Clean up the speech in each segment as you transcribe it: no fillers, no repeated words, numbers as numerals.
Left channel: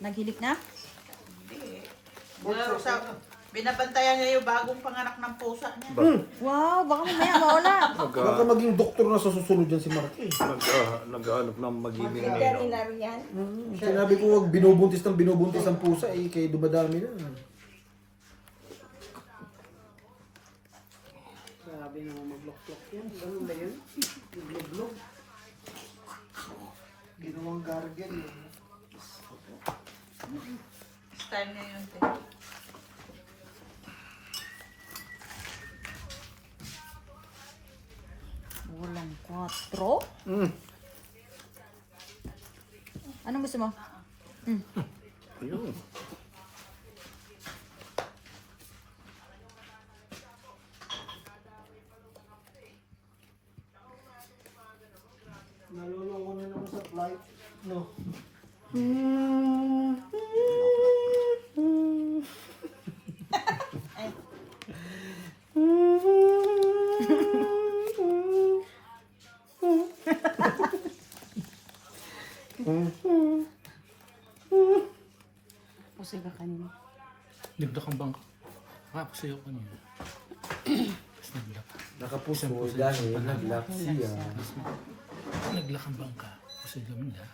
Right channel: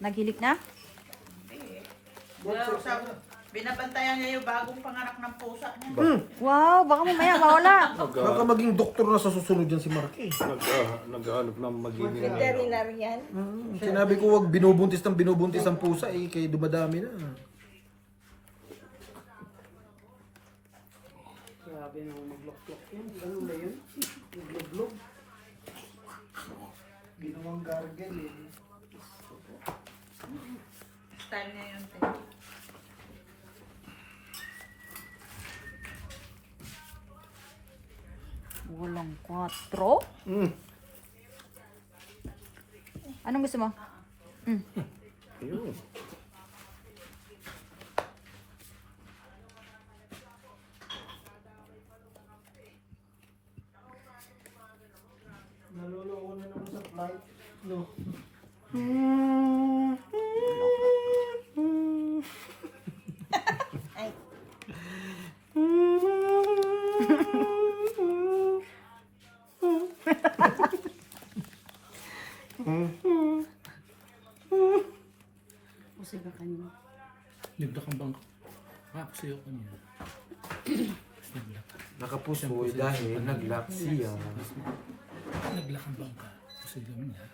Naghilik na? Binabantayan niya yung bagong panganak ng pusa niya. Wow, baka mamaya mawala. Baka maging doktor na sa susunod yan si Marky. Nag-aanap ng magiging Veterinary yan. Sinabi ko wag binubuntis ang pusa eh, kaya dumadami na. Grabe naman mag-lock-lock yan. Ganun ba yun? Mag-log-log. Ginawang gargan eh. Style niya yun. Walang 4. Anong gusto mo? Ayun. Naloloko na naman sa flight. No. Pusig ka kanina. Nagdakang bangka. Ako sa'yo kanina. Naglak. Nakapuso dahil naglap siya. Naglakang bangka. Pusig naman yan.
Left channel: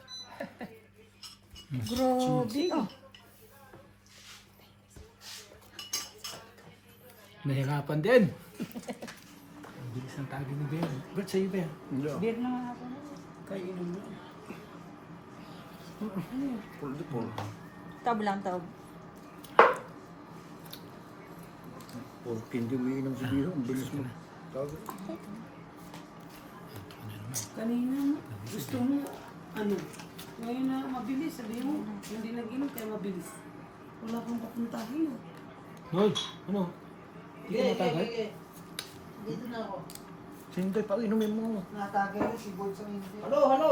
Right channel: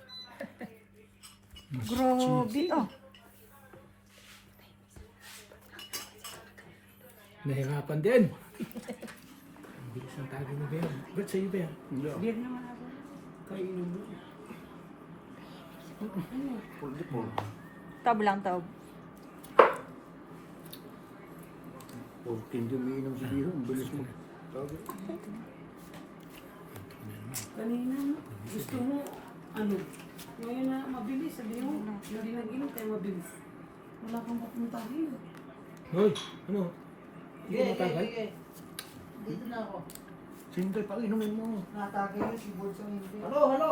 Grabe ah. Nahirapan din. Ang bilis ng tagi ni Ben. Ba't sa'yo Ben? Beer na ako. Kainom mo. Puldi-pul. Tab lang, tab. Porkin di umiinom si Biro. Ang bilis mo. Tawag. Kanina, gusto mo, ano, ngayon na mabilis, sabi mo, hindi nag-inom kaya mabilis. Wala kang papuntahin. Hoy! Ano? Hindi ka matagal? Dito na ako. Sinday, pag-inumin mo. Natake mo si Bon sa hindi. Halo, halo.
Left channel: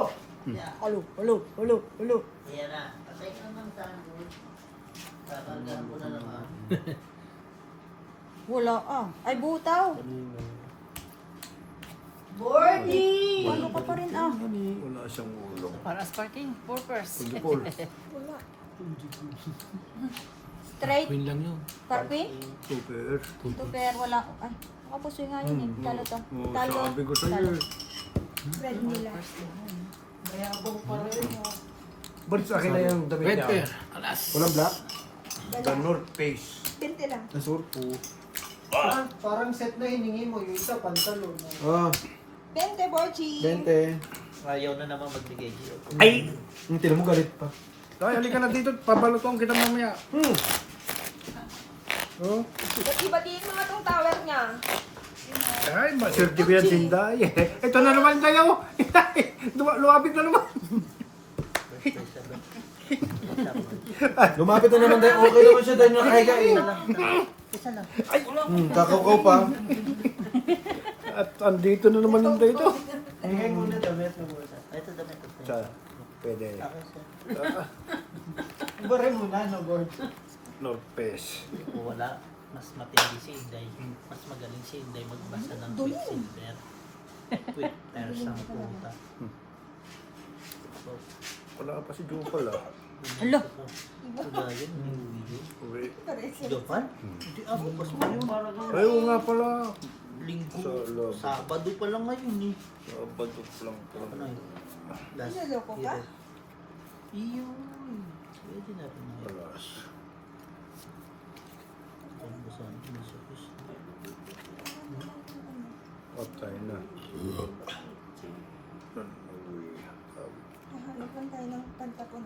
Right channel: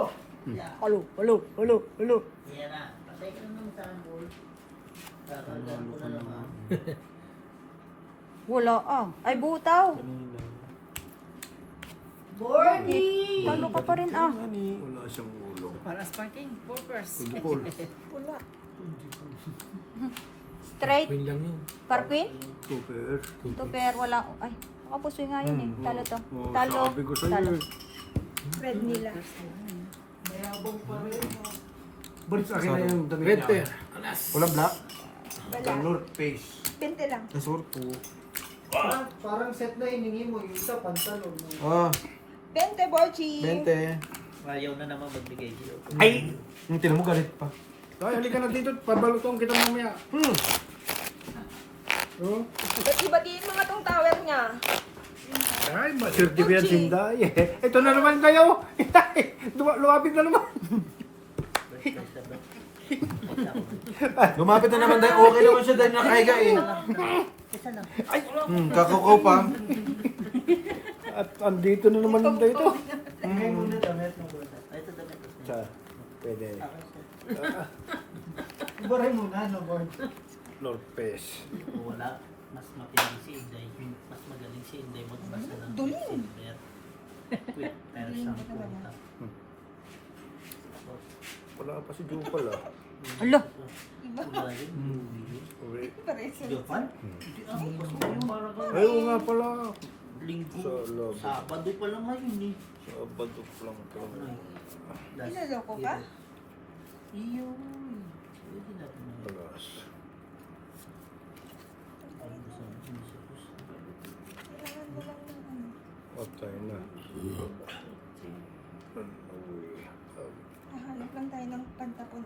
Halo, halo, halo, halo. Ayan na. Patay ka naman sa akin, boy. Kakalgan ko na naman. Wala ah. Ay, butaw. Bordy! Ano ka pa rin ah. Wala siyang ulo. Para asparting, purpose. Puldi-pul. Straight. Yun lang yun. Parpin? Super. Ito pero wala. Ay, nakapusoy nga yun eh. Talo to. Oh, Talo. sabi ko sa'yo Talo. eh. Red nila. Ba't sa akin na yung damit Red niya? pair. Alas. Walang black? The North Face. Pinte lang. Nasurpo. Parang set na hiningi mo, yung isa pantalon. Ah, Pinte, Borchi. 20. Ayaw na naman magbigay sa'yo. Ay! Yung tinan mo galit pa. Ay, halika na dito. Pabalutong kita mamaya. Oh. Iba dito nga itong tower niya. Ay, maswerte ko yan, Sinday. Ito na naman kayo. Lumapit na naman. Lumapit na naman tayo. Okay naman siya dahil nakahiga eh. Isa lang. Kakakaw pa. At andito na naman yung dito. Hingay muna damit na muna. Ito damit. Sa, pwede. Okay, sir. Iba rin muna, no, board? North Face. Wala. Mas matindi si Inday. Mas magaling si Inday magbasa ng silver. Wait, tiles ang punta. Wala pa si Jupal ah. Alo. Wala yun. Uwi. Jopan? Hindi ako kasi parang Ay, oo nga pala. linggo. Sa loob. Sabado pa lang ngayon eh. Sabado lang pala. Pinaloko ka? Iyon. Pwede natin na. Alas. Ang gusto natin sa puso. Patay na. Uwi. Halikan tayo ng pantapon.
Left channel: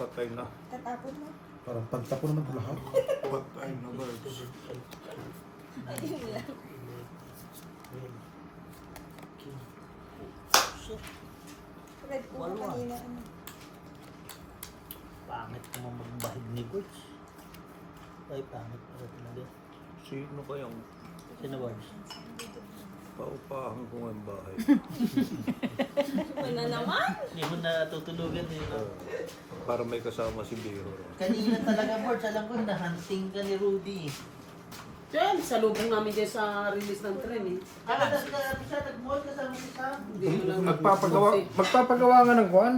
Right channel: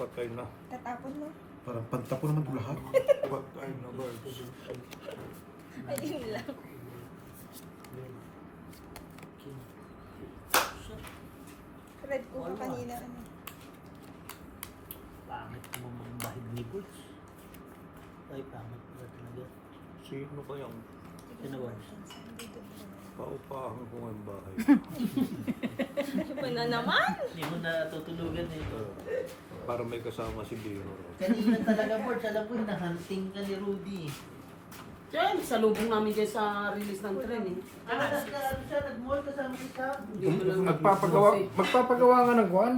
Patay na. Tatapon mo. Parang pantapon naman lahat. Patay na, birds. Red ko Wala. kanina. Pangit mo magbahig ni Bulls. Ay, pangit pa talaga. Sino kayang Sinawad. paupahan ko ng bahay? Hindi mo na tutulugan eh. Para may kasama si Biro. Kanina talaga, Borge, alam ko na-hunting ka ni Rudy. Diyan, sa lubong namin dyan sa release ng tren eh. Nag-mall kasama siya. Hindi mo lang Magpapagawa nga ng kuwan.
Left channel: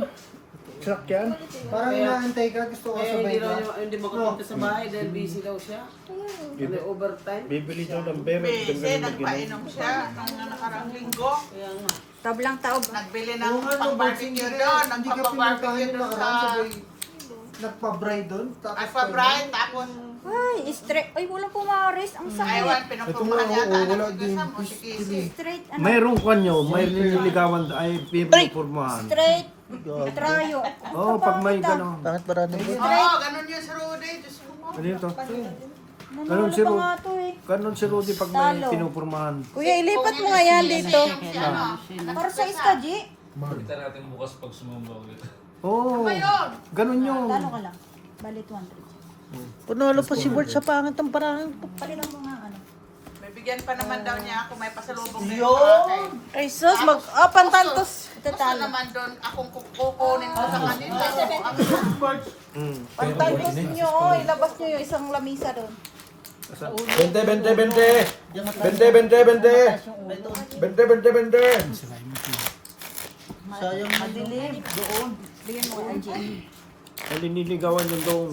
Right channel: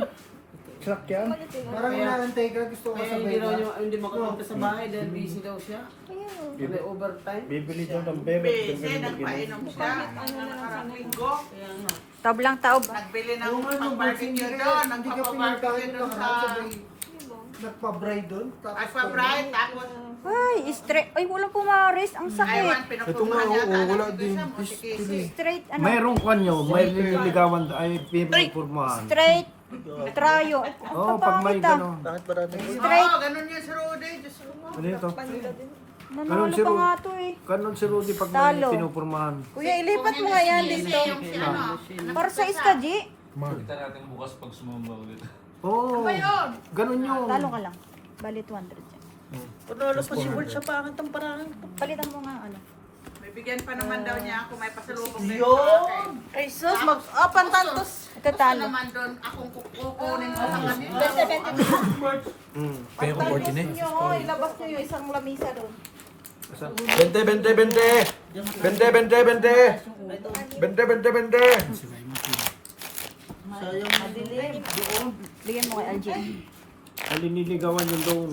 sakyan. Parang inaantay ka, gusto ko Kaya hindi sabay raw ka. niya, hindi makapunta sa bahay dahil busy daw siya. Ano, overtime. Bibili daw ng bebe. Busy, nagpainom siya nung nakarang linggo. Kaya nga. Taob lang taob. Nagbili ng Yung ano, pang-barbecue Bunsin, doon, hindi ka nagpapa-barbecue pinagkain doon nakaraan, sa... sabay nagpa-bride doon. tapos Nagpa-bright, tapos Ay, straight. Ay, walang pumaris. Ang sakit. aywan, Ito nga, pinupumahan oo, yata wala ng din. Sam o si Casey. Straight, ano? Mayroong kanyo, may nililigawan ay pinupurmahan. Straight. Trayo. Oo, pag may gano'n. Bakit marami? Oo, ganun yun sa Rudy. Diyos ko mo. Ano yun to? Nanalo Ganun si pa Ru- nga to eh. Ganon si Rudy pag may Talo. pinupurmahan. Kuya, ilipat mo nga yan dito. Yung si ano. Para sa iska, G. Kita natin bukas pag sumamba ulit. Oo, ganon yun. Talo ka lang. Balit 100. Panalo pa si Bert sa pangit ang parang. Palitan mo nga, ano. May bigyan pa naman daw niya ako. May pasalubong din Yun! sa akin. Ay sus, pantantos. Ito Gusto talo. naman doon akong kukunin ko sa kanila. Mm. Kaya ko board eh. Ilabas niyo yung isang lamisa doon. Bente, bente, bente. Bente, bente, bente. Bente, bente, bente. Sayang man doon. Bigyan mo kay RJ. Aliniligawan yun doon.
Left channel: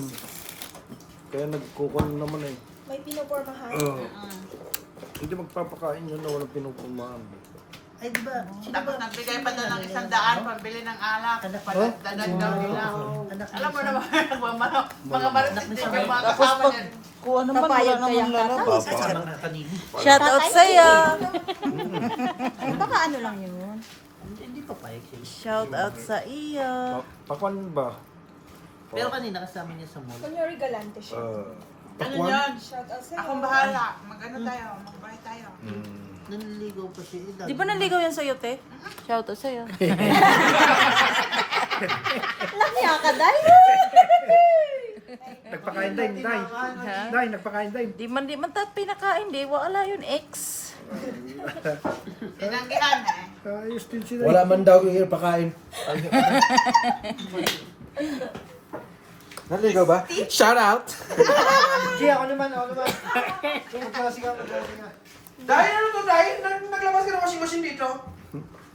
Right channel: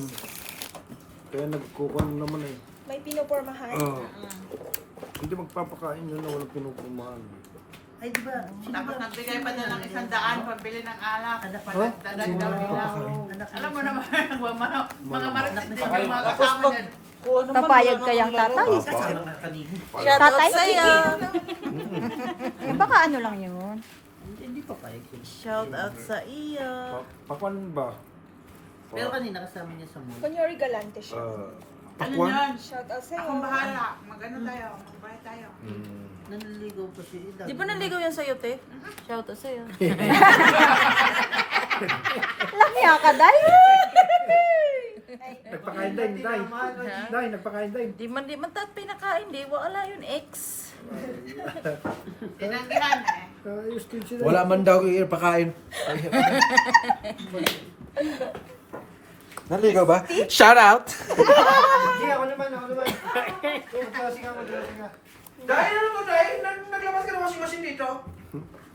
Kaya nagkukuhan naman eh. May pinupormahan. Hindi magpapakain yun na walang pinupurmahan. Ay, di ba? Tapos nagbigay pa doon ng 100 pambili ng alak. Padagdagan daw nila. Alam mo naman, mga marites din yung mga kasama niya. Napayag kayang tatay. Papa. Mga kanini. Tatay sa'yo. Baka ano lang yun. Hindi pa pa siya. Shout out sa iyo. Pakwan ba? Pero kanina kasama niya sa mall. Kunyari galante siya. Ano yun? Akong bahala. Mag-ano tayo? Mag-buy tayo. Naniligaw pa siya. Di ba naligaw yan sa'yo, te? Shout out sa'yo. Lamya ka, Day. Nagpakain din, Day. Day, nagpakain din. Di man pinakain, di. Wala yun, ex. Tinanggihan eh. Ayos din sila. Wala man daw kayo pakain. Naligaw ba? Shout out! Hindi ako naman, ako naman. Kung klase ka, mag-klase ka. Dahil ano to, dahil naglabas ka ng washing machine dito?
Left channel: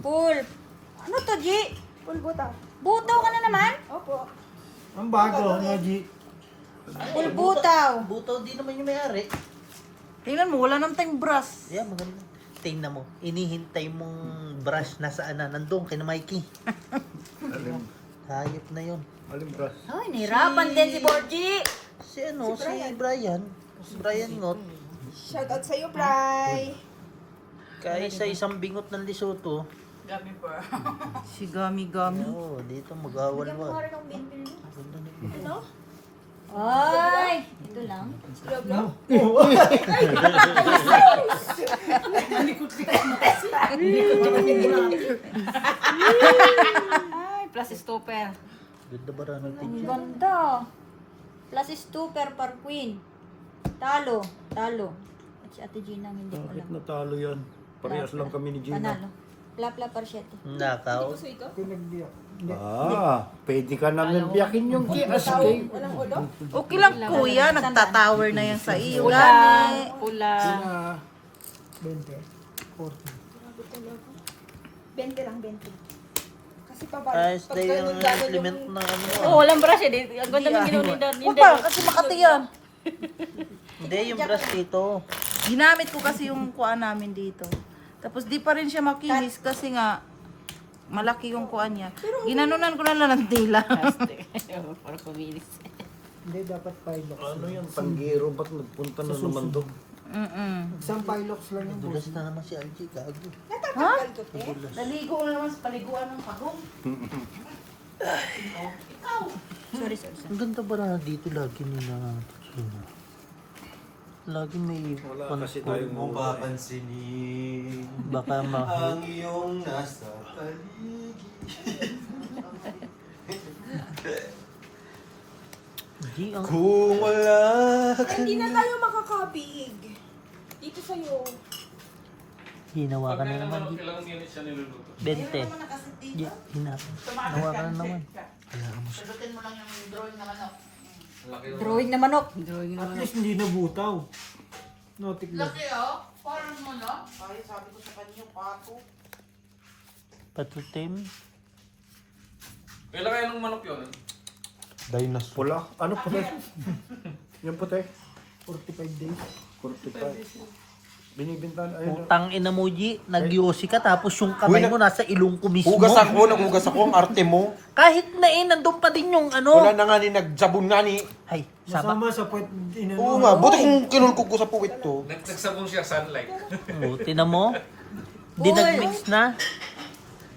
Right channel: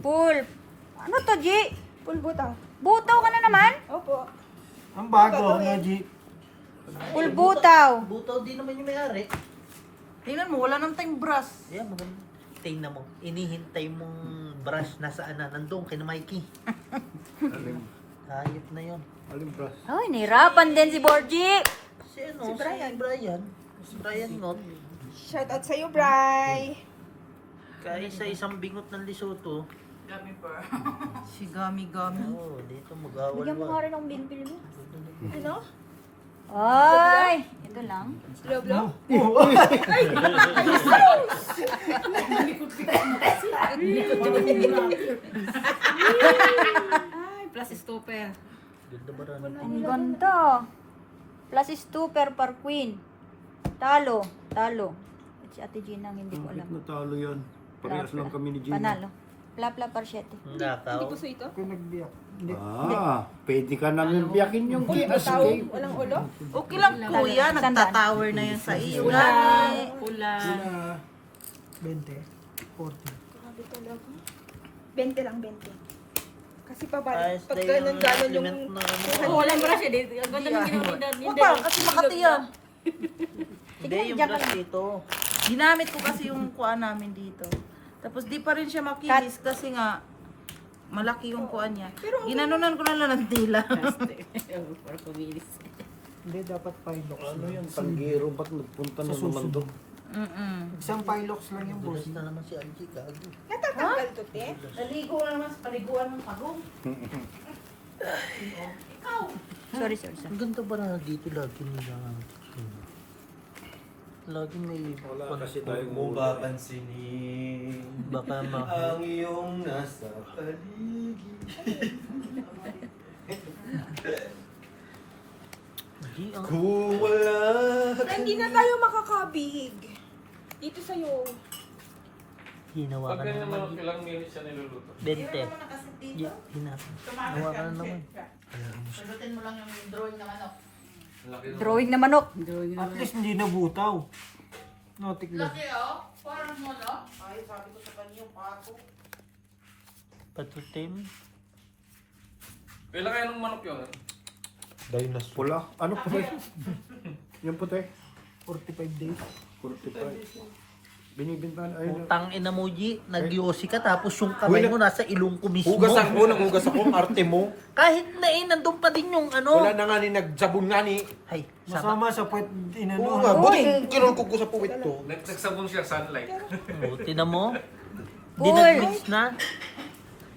Pool. Ano to, G? Pool butaw. Butaw ka na naman? Ang bago, G. Pool butaw. Buto din naman yung may-ari. Tingnan mo, wala nang tayong brush. Ayan, maganda. Tingnan mo, inihintay mong brush na saan na nandun kay na Mikey. Alim, Hayop na yun. alimbras. Ay, nirapan din si Borgie. Si ano, si Brian. Si Brian Ngot. Shoutout sa'yo, Bri. Kaya sa isang bingot ng Lesotho, Gummy bear. Si Gummy Gummy. oo, dito mag-awan Bigyan mo mo. nga rin ng bin mo. Ano? Ay! Ito lang. Ay, plus stopper. Ganda ba naman? Ang ganda. Plus stopper par queen. Talo. Talo. At si Ate Gina ang hindi ko Bakit alam. natalo yan? Parehas lang kami ni Gina. Panalo. Plapla par 7. Nakaw. Kung nagbiyak. Pwede ka namin biyakin yung kias kay. Okay lang kuya, nagtatower na yan sa iyo. Pula. 20. 40. 20 lang, 20. Kasi pa ba? Ayos na yung implement na ano. Oh, walang brush eh. Ang ganda ng ginawa ni Dan. Upa, kasi makati yan. Hindi, yung brush dito. Ginamit ko kasi yung kuan namin dito. Tapos di pa rin siya makinis kasi nga malaki yung kuan niya. Ginanunan ko na lang ng tila. Hindi, dapat pilot. Ano yan? Panggiro, ba't nagpunta na naman doon? Isang pilots lang yung boss. Bukas na naman si RJ, gago. Naligo na naman sa paliguan ng pagong. Sorry, sorry. Ang ganda ba na dito lagi mo na... Lagi may... Wala kasi tayong Mo muna. papansinin Baka mahal. ang iyong nasa paligid. Hindi, ang... Kung wala Hindi na tayo makakabihig. Dito sa'yo. Ginawa ka na Pag naman. ganyan ilang minutes siya niluluto. 20. Yeah, ginawa ka na naman. Sagutin mo lang yung drawing ng ano. Laki Drawing na manok. At least hindi nabutaw. Notik lang. Laki oh, parang mo no? Ay, sabi ko sa kanya, pato. Patutin. Kailan kayo ng manok yun? Dinosaur. Pula. Ano puti? Yung puti? 45 days. 45. Binibintan. Ayun. Tang ina mo, G, nag-yosi ka tapos yung kamay mo nasa ilong ko mismo. Hugasan mo, nanghugas ako, ang arte mo. Kahit na nandun pa din yung ano. Wala na nga ni nagsabong na ni. Ay, sama. Masama sa puwet Oo inano. nga, buti kung kinulkog ko sa puwit to. Nagsabong siya sunlight. Buti na mo. Di Uy. nag-mix na.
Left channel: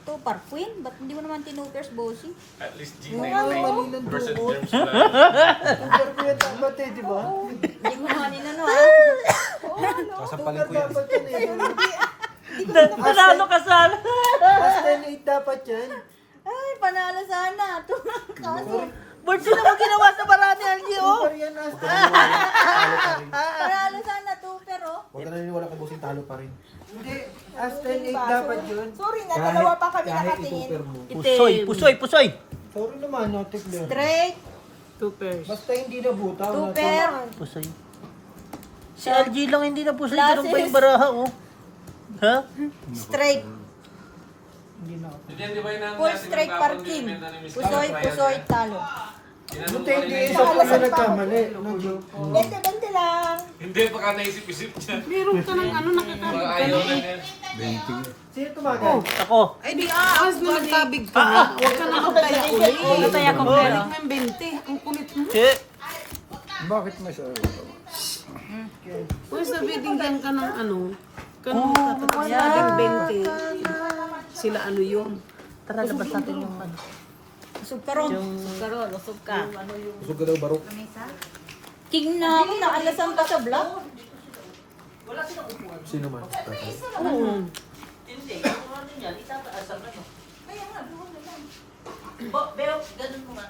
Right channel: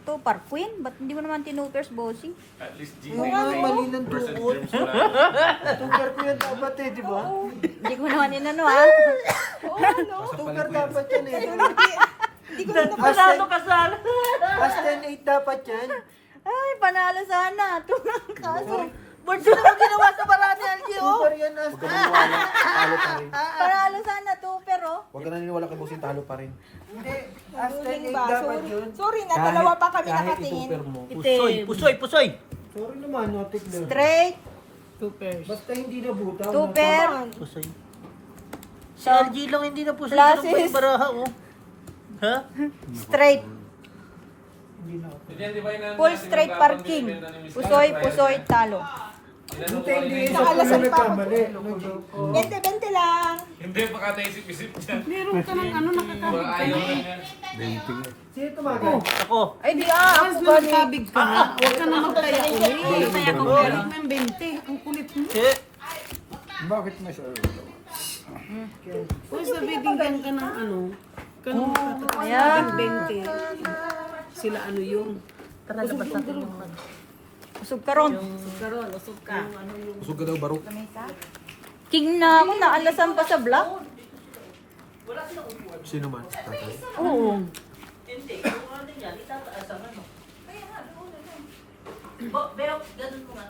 To par queen, ba't hindi mo naman tinupers, bossy? At least Oo nga, mali lang G99% doon. germs wala. Tukar ko yan dapat eh, di ba? Hindi mo naman inano, ha? Sasampalin Tukar ko yan. dapat yan eh. Panalo ka sana. Hasta 8 dapat yan. Ay, panalo sana. Ito na ang kaso. Ba't sila mo ginawa sa marami, LG, oh? Tukar yan hasta. Panalo sana to, pero... Huwag ka naniniwala kay Bossing, talo pa rin. Hindi, hasta 8 dapat yun. Kahit ituper mo. Pusoy, pusoy, pusoy. Sorry naman, no, Tikler. Straight, 2 pairs. Basta hindi nabutaw. two pair, Pusoy. Si LG lang hindi na pusoy. Classes. Ganun pa yung baraha, oh. Ha? straight, Hindi ba yun full straight parking. Pusoy, pusoy, talo. Buti hindi isa pa na nagkamali. No joke. Hindi, baka naisip-isip dyan. Meron ka ng ano, nakakabig Baka ka ayaw na. na niya. Sino tumagal? Ako. As na nagkabig ka nga, huwag ka na magtaya ulit. Magtaya ka ulit. Balik ng 20. Ang kulit mo. Bakit may sa... Kung sa binigyan ka ng ano, kanong tatakot sa 20. Sila ano yun. Tara, labas natin yung Busog ka ron. Busog ka daw, barok. King na ako, naalasan ka sa vlog. Sino man? Tatay. Oo. Hindi, kung ano yan, itataas ang ano. Pero, ganun mo nga.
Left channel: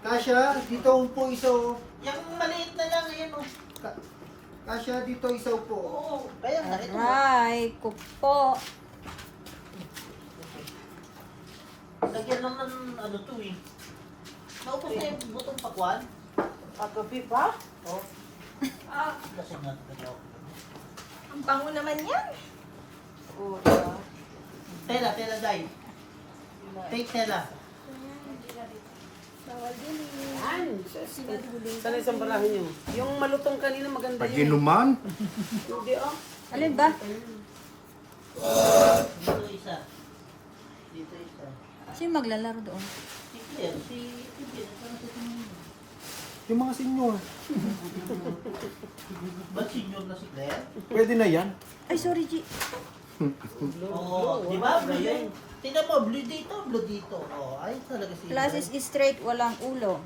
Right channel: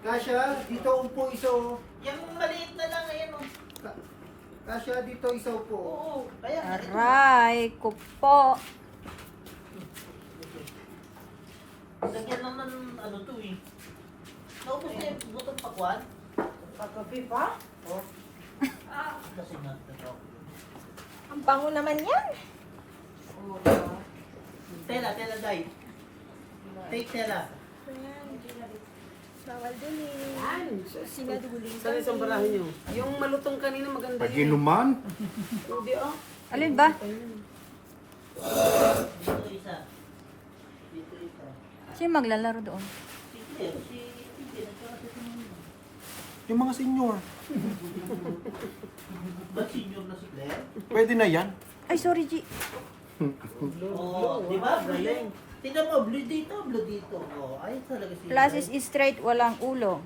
Kasha, dito upo isa. Yung maliit na lang, ayan o. Kasha, dito isa upo. Kaya nga, ito. Aray, kupo. Lagyan lang ng ano to eh. So, kung may butong pakwan. Pagkapi pa? Kasi nga, ito. Ang bango naman yan. Tela, tela, dai. Take tela. Yan. Sana isang barahan nyo. Yung malutong kanina maganda yun. Pag-inuman? Hindi oh. Alin ba? Dito isa. Dito isa. Sino maglalaro doon? Si Claire, si Yung mga senior. ba't senior na si Claire? Pwede na yan. Ay, sorry, G. Oo, di ba? Blue. Tingnan mo, blue dito, blue dito. Oh, ayos talaga si Classes is straight, walang ulo.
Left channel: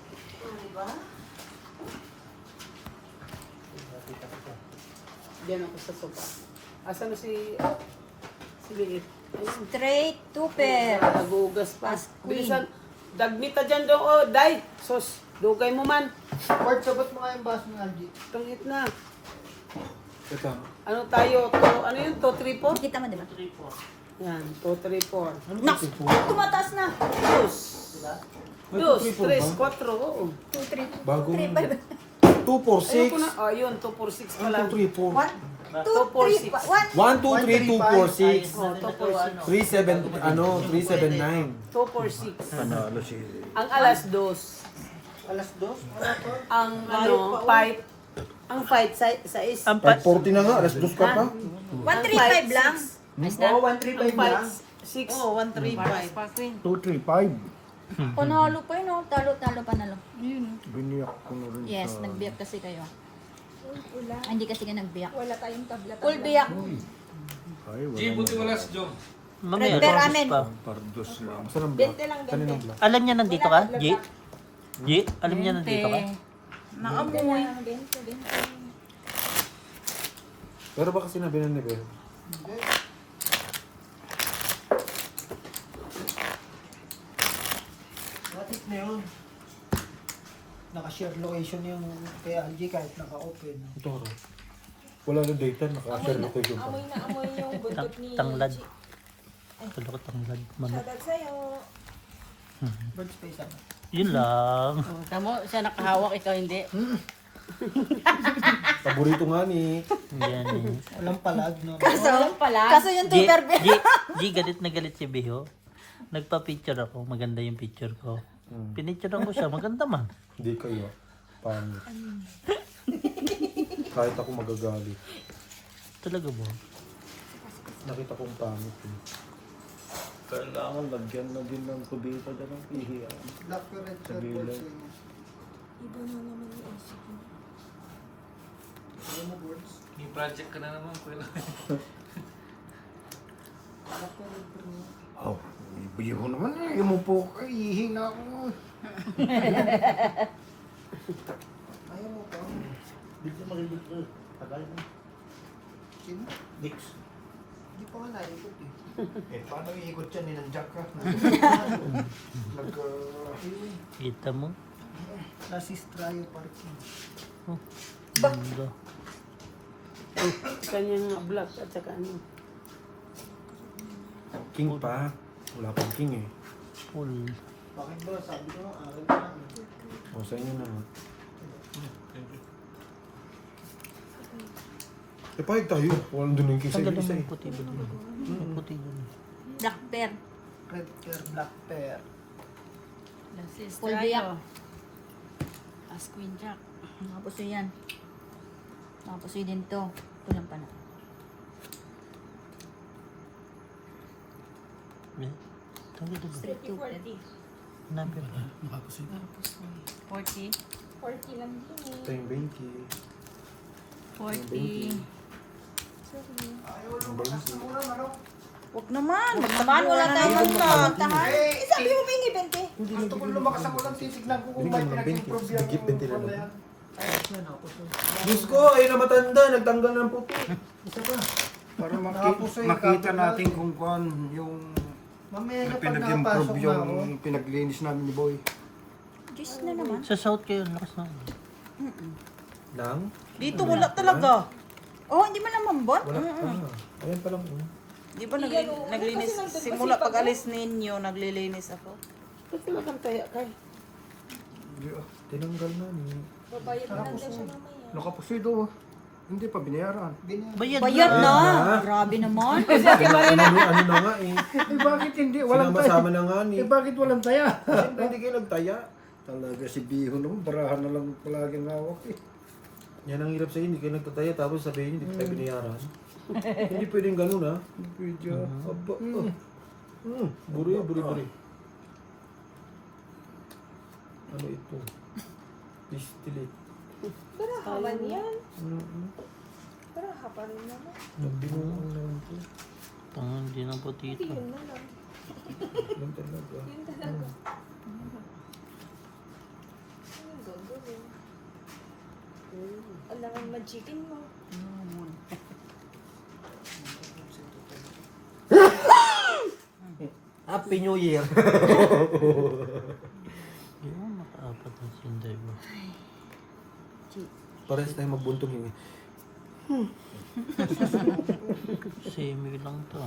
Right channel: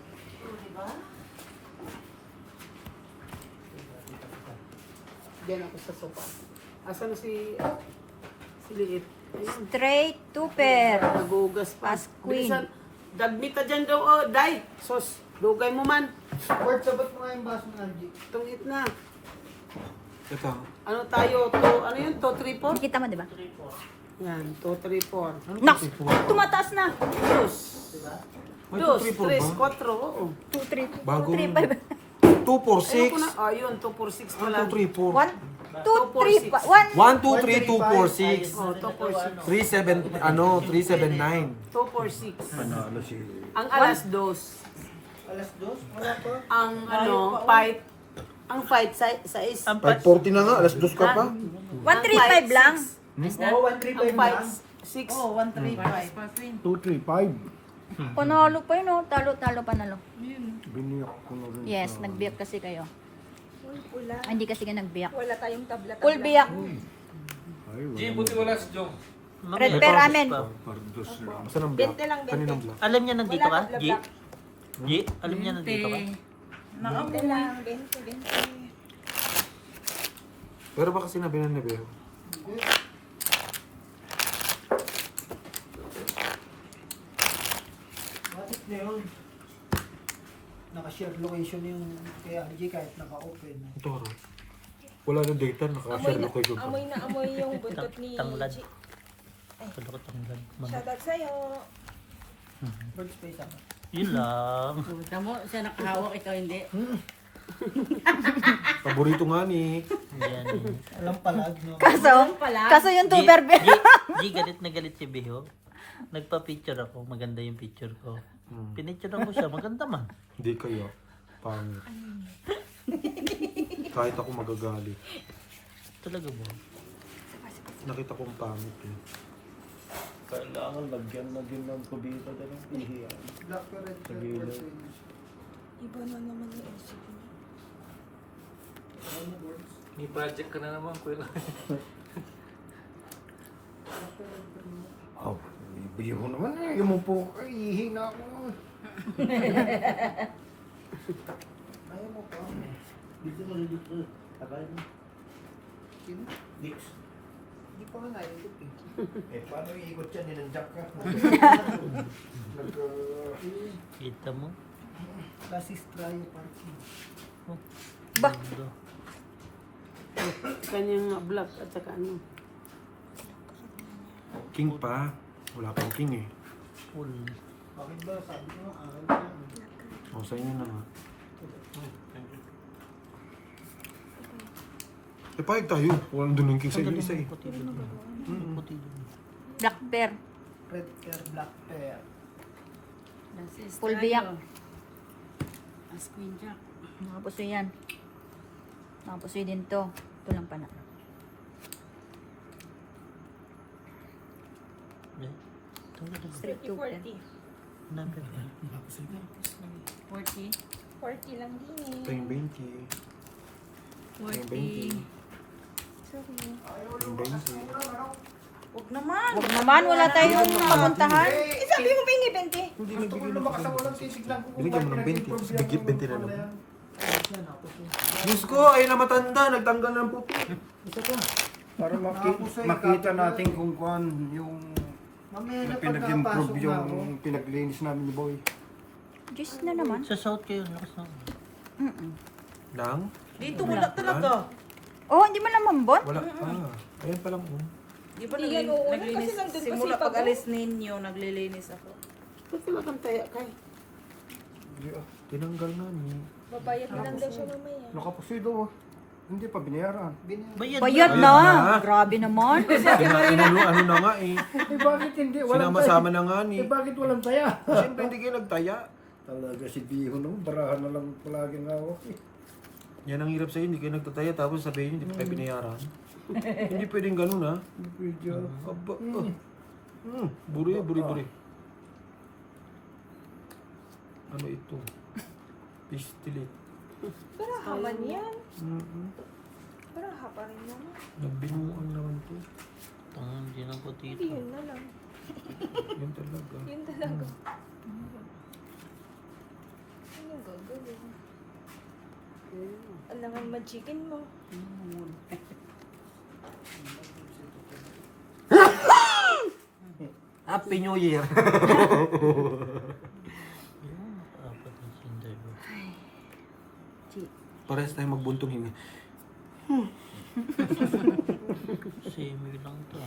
Diyan ako sa sopa. Asa na si Liit? Ayun. Straight, two pair. Nagugas pa. As queen. Bilisan. Dagmita dyan daw. Oh, day. Sos. Dugay mo man. Word, sabot mo nga yung baso ng Algie. Tungit na. Ito. Ano tayo? Ano yun? 2, 3, 4? Kita mo, di ba? Yan. 2, 3, 4. Nak! Tumataas na. Dos. Ay, Dos. 2, 3, 3, 4. Oo. 2, 3. Bago 2, 3, 5. 2, 4, Ayun ko na. 6. Oh, yun. 2, 4, 6 pala. 1, 2, 3, 4. 1, 2, 3, 1. 1, 2, 3, 2, 4, 6. Oh, 2, 4, 6. 3, 7, ano, 3, 7, 9. 2, 4, 6. Panalo si... Ang alas dos. Alas 2? Wala to? Ang ano, fight. Ang fight sa is. Ang 5:40 na nga, alas 2 ka pa. 1, 3, 5 lang. Oo, 1, 3, Ang 5 fight na. 6. Oh, 135. 2, 3, 5. Panalo pa yun, oh. Talo, panalo. Biniyak ko na rin Yes, sa... nagbiyak kasi kayo. Hindi kasi ka nagbiyak. Wala tayong tabla. Full biyak. Ay, G, wala buti wala si Joe. Red pair amen. Pardos lang. Saan ang vlog? Kaninang vlog? Alam niya nandito ka, G? G? Alam niya nandito ka? Naamoy. Pero baka sinabi na ni Bel. What if na yun? Naka-share location yung kay Algie kahit naka-open. Ito ro. Wala na data, naka-share location pa. Tanglad. Tulo ko tanglad. Mama. Bird space ako. Yun lang. Kamu, siya nakahawak, ikaw hindi. Paborito nga ni Yan. Walang palag, no? Kaso yung Di, tuber di galit na galit si Biho. Nagpa-picture ako. Maganda yung picture ko. Pinicture ko siya. Maganda man. Hindi kayo. Pangit. Kahit ako magagalit. Talaga ba? Nakita kong pangit eh. Kailangan lagyan na din ng kubita dyan ang ihiyan. Black or red Sa gilid. May project ka na naman, kuya. Oh, ibiho naman eh. Umupo ka, ihi na ako. Ayaw mo pa. Hindi maliliit ko. Tagal mo. Sino? Dix. Hindi pa nga naikot eh. Eh, paano iikot yan? Ninanjak ka. Kita mo? Classist Trio Parking. Kanyang black at saka ano. King pa. Wala pang king eh. Full. Bakit ba? Sabi nyo, akin pa. O, sa inyo na. Eh, pahig tayo. Walang dun yung king sa Ang isa eh. galing puti dun. Puti dun. Black bear. Red pair, black pair. Full biyak. As Queen Jack. Mga pusoy yan. Mga pusoy din to. Ito lang pa na. Tawag dun. Straight to pen. Number ba? 40. Ito yung 20. 40. Yung 20. Huwag naman. Huwag naman, wala tayong makakantahan. Sabi mo may 20. Hindi na Ito kung bigyan lumakas ako lang, titignan ko kung Binigyan mo ng bakit 20. nag-improve Bigit yung 20 na lang. yan. Ayos yan ako. Diyos ko, ay na matanda. Nagtanggal ng puto. Para Nakapuso yung makita kapit natin na. kung kuan yung Mamaya na na pag pinag-improve nakapasok na ako. yung pinaglinis namin ni Boy. Diyos na naman. Sa south kayo, lakas na. Lang? Dito wala talaga. Oh, hindi mo naman bot? Wala pa. Ayan pa lang. Di ba naglinis? Simula pag alis ninyo, naglilinis ako. Ba't wala kang taya kay? Tinanggal na niya. Nakapusido. Hindi pa binayaran. Bayad. Bayad Bayad na. na. Grabe naman. Ano na nga eh. Eh bakit hindi? Walang Sinama-sama taya. na nga ni. Eh bakit walang taya? Siyempre hindi kayo nagtaya. Talaga si Biho naman, barahan na lang palagi ng hawak eh. Yan ang hirap sa'yo, hindi kayo nagtataya tapos sabihin hindi kayo binayaran. Hindi pwedeng ganun ha. Video. Aba, buri. Ano ito? Pistilit. Sayang yan. Nagbinuang naman ko. Hindi na puti ito. Yun talaga. Happy New Year! Parehas tayo magbuntong hinga. Semi lang to.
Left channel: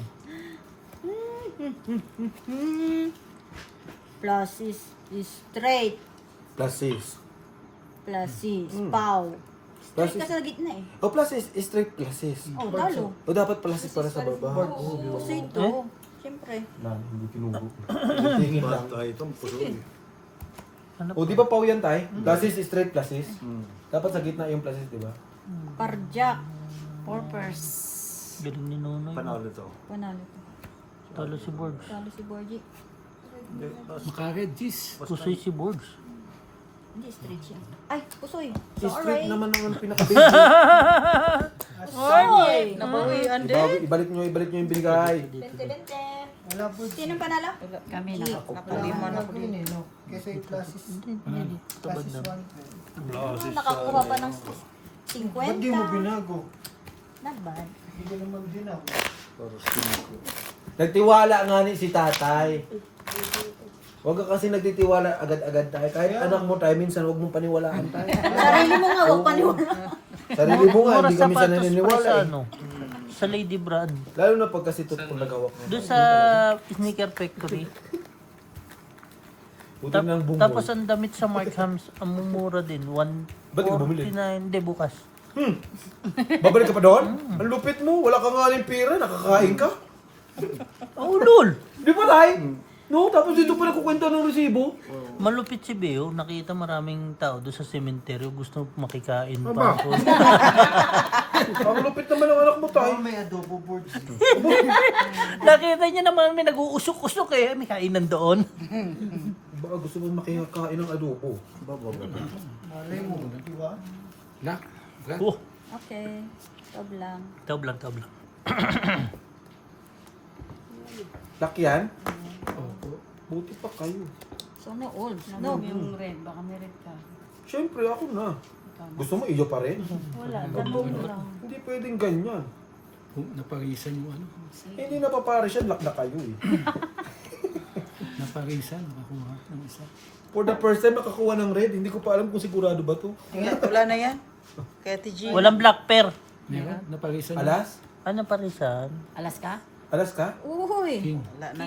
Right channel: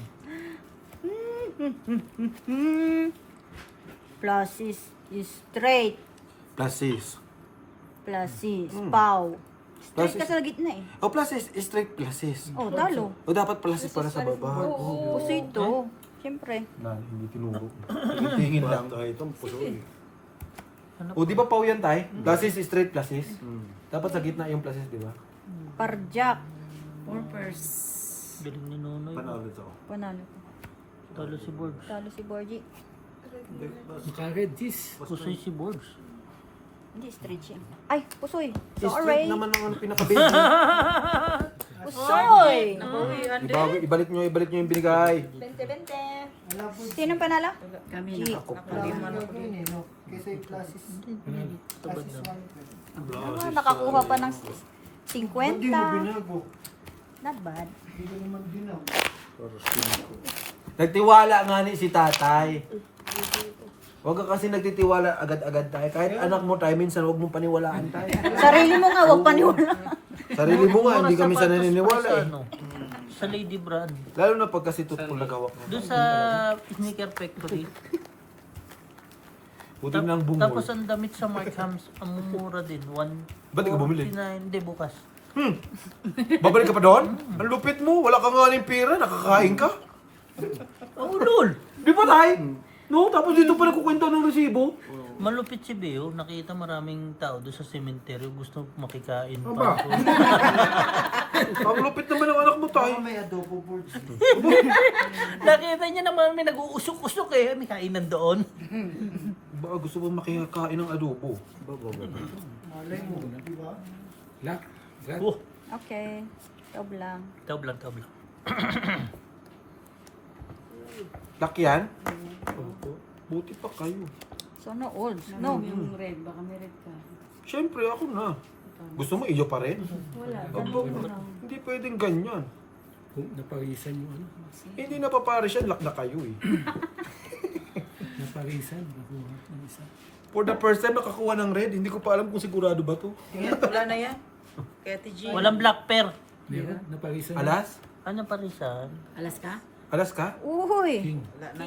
Pluses is straight. Pluses. Pluses. Pow. Straight Pluses. ka sa gitna eh. Oh, pluses. Straight pluses. Oh, talo. O dapat pluses para sa baba. Oh, Puso ito. Siyempre. na, hindi tinuro. Tingin lang. Bata itong pusoy. O di ba pau yan tay? Pluses, straight pluses. Dapat sa gitna yung pluses, di ba? Parjak. Purpose. Galing ni Nunoy. Panalo to. Panalo ko. Talo si Borbs. Talo si Borgie. Makagad, jeez. Pusoy si Borbs. Hindi, straight siya. Ay, pusoy. Straight Sorry. naman ang pinaka-baby. Pusoy. Ibalik nyo yung binigay. Wala po. Sino ang panalo? Kami G. na. Wala po yun eh, no? Kesa yung classes. Classes 1. Nakakuha pa ng Ba't di mo 50. binago? Not bad. Hindi ka naman binago. Para siniko. Nagtiwala nga ni si tatay. Huwag ka kasi nagtitiwala agad-agad tayo. Kahit anak mo tayo, minsan huwag mong paniwalaan tayo. Sarili mo nga, huwag paniwala. Sarili mo nga, hindi kami sa naniniwala eh. Ano? Sa Lady Brand. Lalo na pag kasi tutong nagawak mo. Doon sa Sneaker Factory. Buti ng bungol. Tapos ang damit sa Mark Hams, ang mumura din. Ba't di ka bumili? 149. Hindi, bukas. Babalik ka pa doon? Ang lupit mo. Wala ka nga ng pera. Nakakain ka. Oh, lol. Di ba, Tay? No, tapos dito pa nagkukwento ng resibo. Malupit si Beo. Nakita maraming tao doon sa sementeryo. Gusto makikain Aba. pa ako. Ang lupit naman ng anak mo, Tay. Baka may adobo boards. Nakita niya naman may nag-uusok-usok eh. May kainan doon. Baka gusto mo makikain ng adobo. Malay mo, di ba? Lak. Lak. Oh, Okay. Stop lang. tablang. Lakyan? Opo. Buti pa kayo. So, no old. No. Yung red, baka may red ka. Siyempre, ako na. Gusto mo, iyo pa rin? Wala. Dabong mo lang. Hindi pwedeng ganyan. Naparisan yung ano. Hindi napapares yan, lak na kayo eh. Naparisan. Nakuha ng isa. For the first time nakakuha ng red, hindi ko pa alam kung sigurado ba to. Yan, wala na yan. Kaya TG. Walang black pear. Meron? Naparisan. Alas? Ano pa rin sa? Alas ka? Alas ka? Uy. King.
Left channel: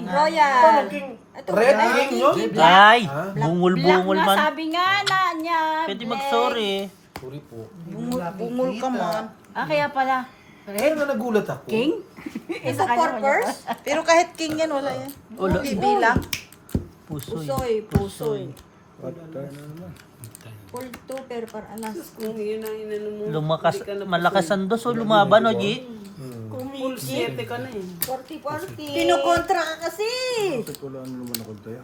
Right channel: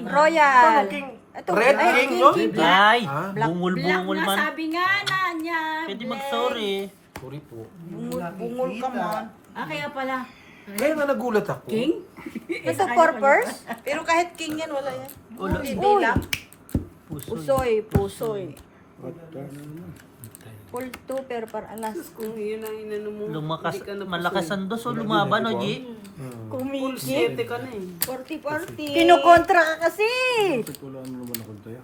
Royal. King? Ito, Red ay, king, no? Ay, Ah? bungol-bungol man. Sabi nga na niya. Pwede mag-sorry. Sorry po. Bumul ka man. Ah, kaya pala. Kaya nga nagulat ako. King? Ito, purpose. Pero kahit king yan, wala yan. Wala. Hindi lang. Pusoy. Pusoy. Full 2 pero par alas. Kung yun ang inano mo. Lumakas, malakas ang dos o lumaban o, G? Full 7 ka na eh. 40-40. Kinukontra ka kasi. Wala na naman ako tayo.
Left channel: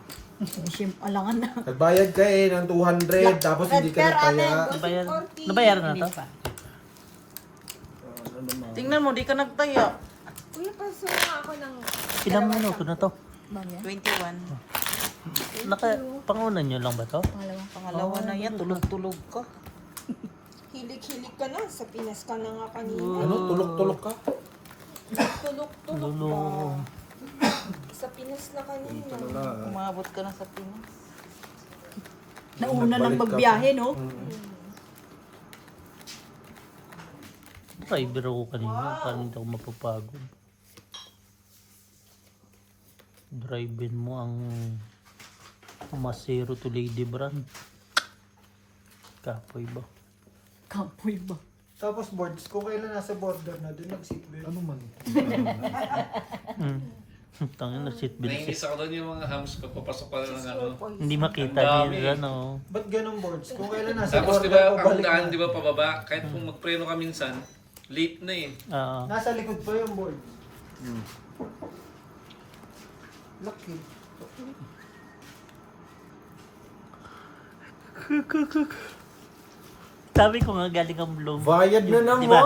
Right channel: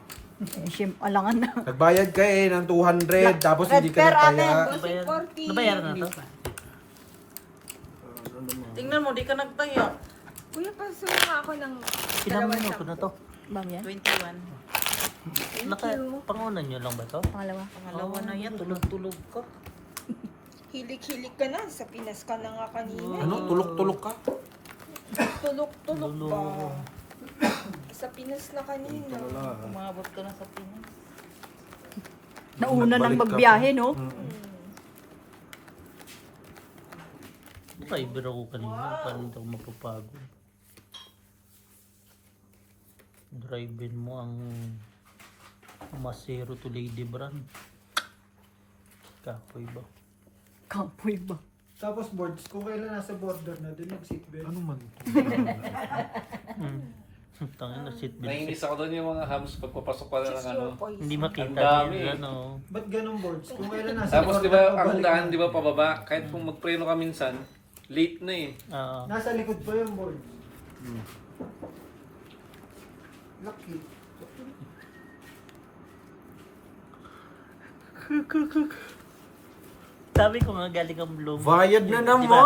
Alangan na. Nagbayad ka eh ng 200, tapos hindi ka per na kaya. Nabayaran na to? Tingnan mo, di ka nagtaya. Ilang minuto na to? Bagay. 21. Pangunan nyo lang ba to? Pangalawa. Pangalawa na yan, tulog-tulog ka. Hilig-hilig ka na. Sa Pinas ka na nga kanina. Ano? Tulok-tulok ka? Tulog-tulog ba? Sa Pinas na kanina. Umabot ka na sa Pinas. Nauna nang Balik ka magbiyahe, no? Ay, biro ko kanina. Parang hindi ako mapapagod. Drive-in mo ang Masero to Lady Brand. Kapoy ba? Kampoy ba? Tapos boards, kung kailan nasa border na, doon nag-seatbelt. Ano man? Tangin na seatbelt. Naiinis ako doon yung mga hams pagpapasok pa ng ano. Hindi makita Ang dami. nila, no? Ba't ganun boards? Kung kailan nasa Tapos di border, ba, ang pabalik daan na. di ba pababa, kahit kung magpreno ka minsan, late na eh. Nasa likod pa yung board. Lucky. Sabi ko nga galing ang Bloom. Bayad na Di naman! ba?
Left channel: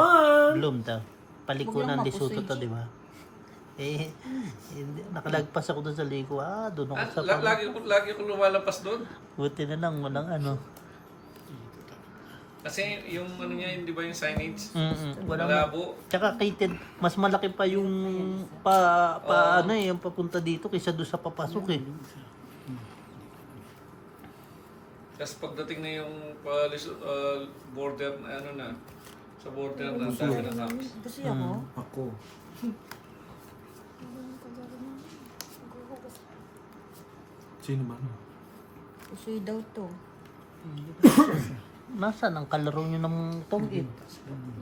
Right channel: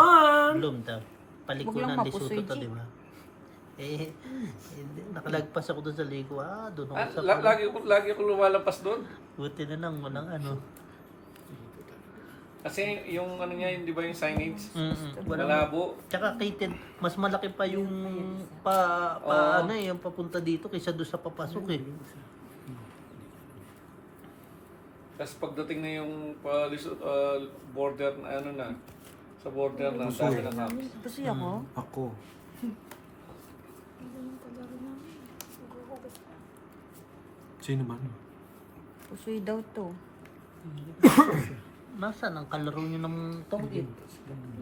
Bloom daw. Huwag Palikuran lang di mapusoy, Soto to, G. di ba? Eh, nakalagpas ako doon sa liko. Doon ako Ah, sa lagi ko lumalampas doon. Buti na lang, walang ano. Kasi yung ano niya, di ba yung signage? Walang, Malabo. tsaka kated, mas malaki pa yung ano eh, yung papunta dito kaysa doon sa papasok eh. Tapos pagdating na yung border, ano na, sa border na, ang dami ng hams. Gusto ako? Ako. Sino man? Pusoy daw to. Nasaan ang kalaro nyo ng tungin?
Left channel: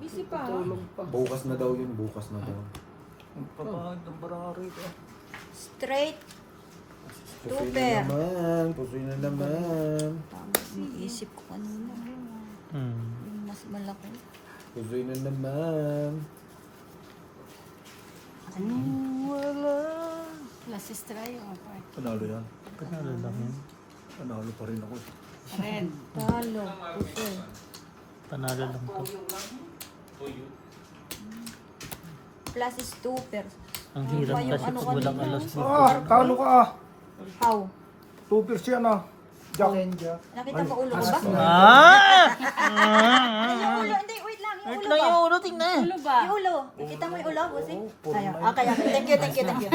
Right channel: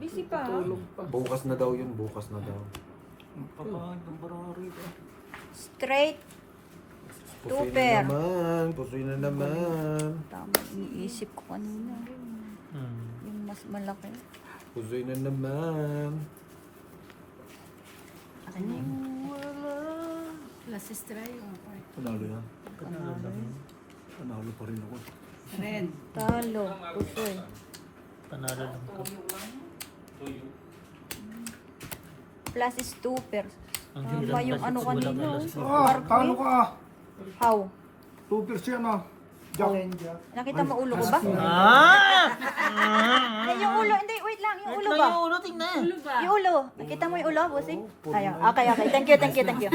Busy pa. Bukas na daw yun, bukas na daw. Straight. Pusoy Super. na naman, pusoy na naman. Tama. Iniisip ko kanina. Yung mas malaki. Pusoy na naman. La sister yung apart. Panalo yan. Panalo pa rin ako. Red. Talo. Pusoy. Panalo lang to. Plus is 2 per. Ang Ano hirap ba yung kasi ano walang kanina? alas. Talo ka ah. How? 2% yan ah. Jack. Nakita mo ulo ko ba? Hindi, yung ulo. Hindi, wait lang. Yung ulo ba? Yung ulo, tingnan. Ano ba? Yung ulo. Kita mo yung ulo, bossing? Ayan. Okay. Thank you.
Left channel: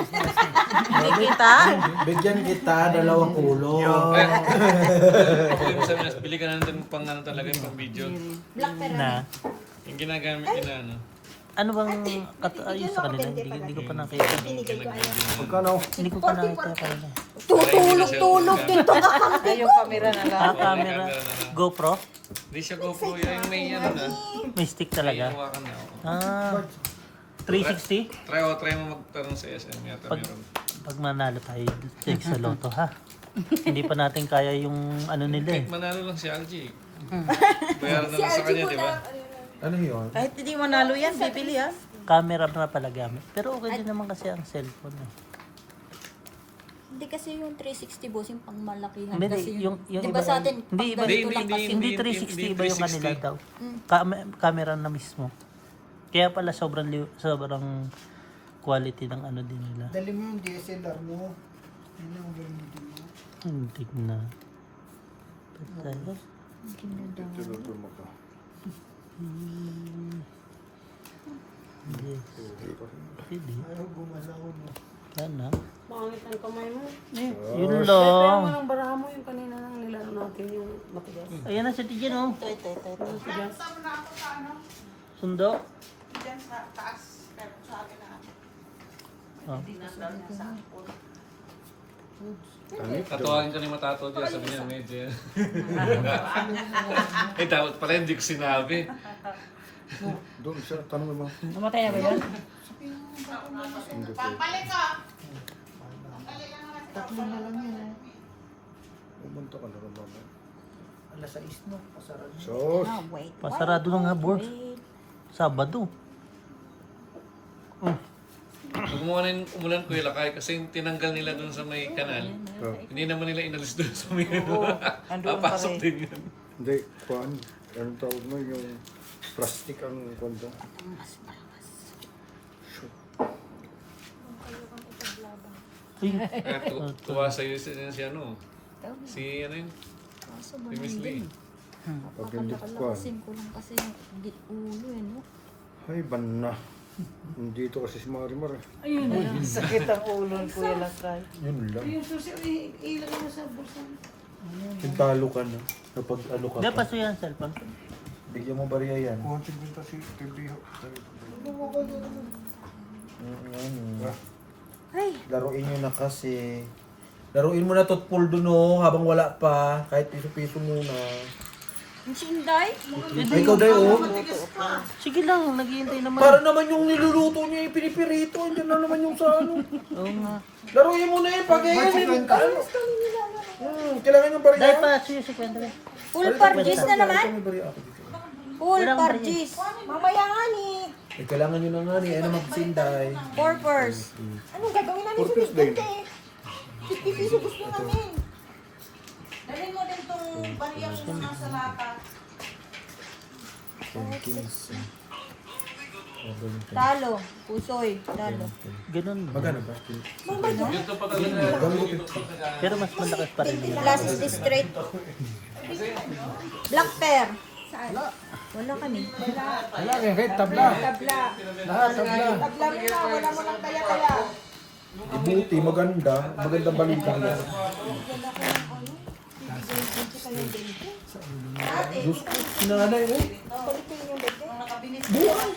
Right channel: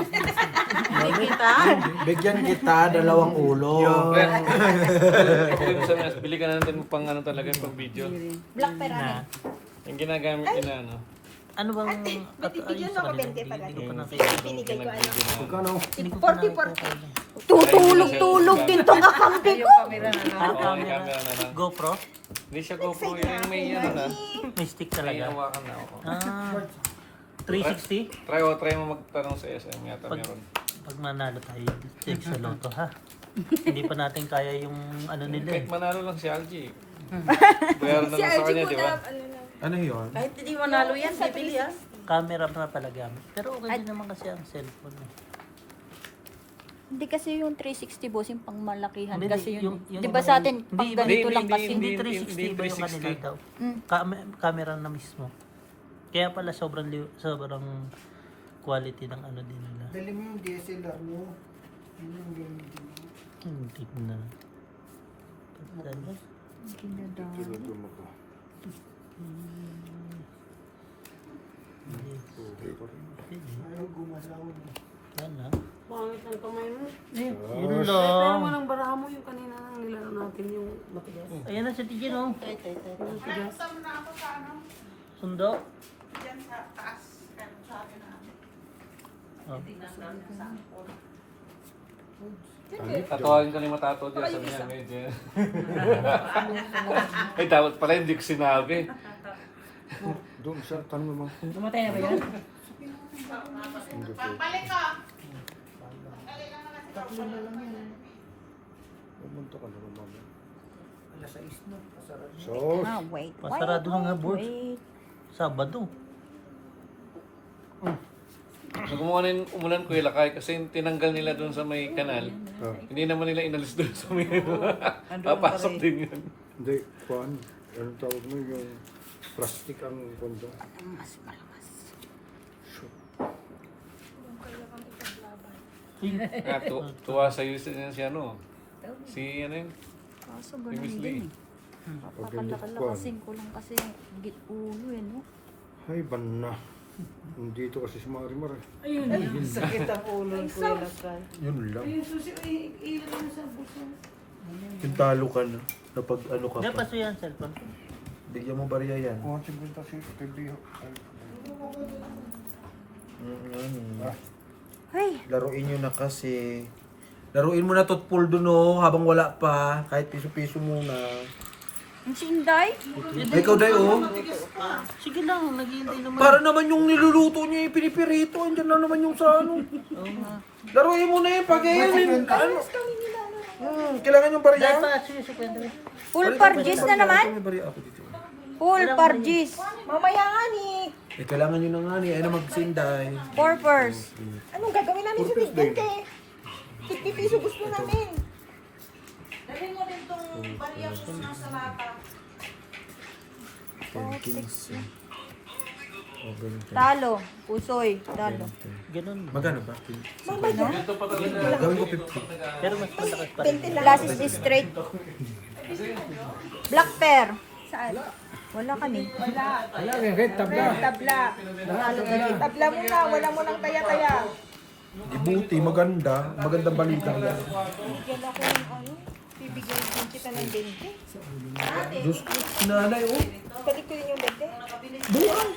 Bigyan kita dalawang ulo. Ako yung sabi, bili ka na natin pang ano talaga, pang video. Black pera na. Yung ginagamit na ano. Ano bang ayos sa kanila? Hindi ko pa nakikita. Pagkano? Hindi ko pa nakikita. Tutulog-tulog din to kakampi ko. Camera na lang. Camera. GoPro? Hindi siya GoPro, yung may ano na. May stick May talaga. hawakan na ako. 360? Try mo magtanong sa SM yata Pag, meron. pag manalo tayo, take sa loto ha. Hindi pa natin kaya yung ano nila eh. Kahit manalo lang si Algie. Bayaran na lang sa kanya, di ba? Ano yun? Kahit hindi manalo yan, bibili ah. Camera na talaga. Pero okay din naman kasi ang cellphone. Eh. Hindi kasi yung 360 boss, yung pang malakihan. Hindi, Kasi yung, yung di ba sa atin, hindi, pang iba- ganito hindi, lang kasi. Hindi Hindi 360 ba yung kanila 360. daw? Camera na mismo. Kaya pala sobrang quality ng ano din nila. Dali mo yung DSLR mo. Yun ang gamitin mo. Hindi na. Patay. Ayaw gumalaw mo. Ano? Pangit ang kamay mo. Yun Kaya mo lang. ng baraha mo yung kanina nang nilaro natin yung matigas. Ayan na si Tijan oh. Yung matigas. Sundo. Diyan sa taas, pero sa akin na ako. Hindi na lang sa Tatuwarin ka ni Matato dyan, sabi niya, medyo. Ay, dapat pala hindi ko sinabi. Doon siya, tanong mo. Tumatay na ba yan? Hindi po. Tatlo na lang yun eh. Pumunta ka na rin mamaya. Alas 6 na. Pasarap. Sos! Ah, wait. Masarado na nga, board. Wait. Sabado. Pag umulan ko ilakay kasi tinanggal nila doon sa may kanal. Ah, Hindi naman nila inalis doon sa may papasok din yun. hindi, kuhan. Anong tawag mo yung plastic ang kondo? Tuwa sa'yo si ano. Si ano yun? Kaso ganun din. Pag hindi kuhan. Pakalakasin ko lang kasi yung ulo eh, no? Ay, ban na. Dito kasi si Marimar. sakit ang ulo ko yun. Yun lang. Yung susi, ilagay mo sa bulsa. Yung talo ka na. Kapag ano ka Hindi pa. pa siya yung cellphone. Bigyan mo bariya yan. Kuhan si Binta si TV. Ay, Laruin nyo na kasi. Laruin mo na totpool dun oh, habang wala pa. Kahit piso-piso muna. ang sinday. Ay, ikaw day oh. Sige lang, naghihintay naman. Para naman yung niluluto niya yung pinipirito. Andiyan na naman yung sa ano. Laruin mo na yun. Pag yan. Ano? Kailangan yung bariya. Dahil pa siya si Kendra. Full pargis na naman. May bariya ako dito. Full pargis. Mamaya nga ni. Eh, kailangan nyo na nga ni. Ay na magsinday. Purpose. Anong gagawin namin Purpose sa din. bigente? 50 piso gusto namin. Dalhin mo din tong bariyas mo nga sa lata. Talo. Pusoy. Talo. Ganun. Magkano ba? Dito pa talaga. Pero mas malakas pa rin. Glasses District. Black Pear. Wala kami. Wala nga, kahit tabla. Tabla. Lahat tabla. Tabla mo na, wala mo ng kaya-kaya. Buti, maganda. Magandang balita yan. Diyos ko, sinanay oh. Balik ko yun yung bete. Bukan.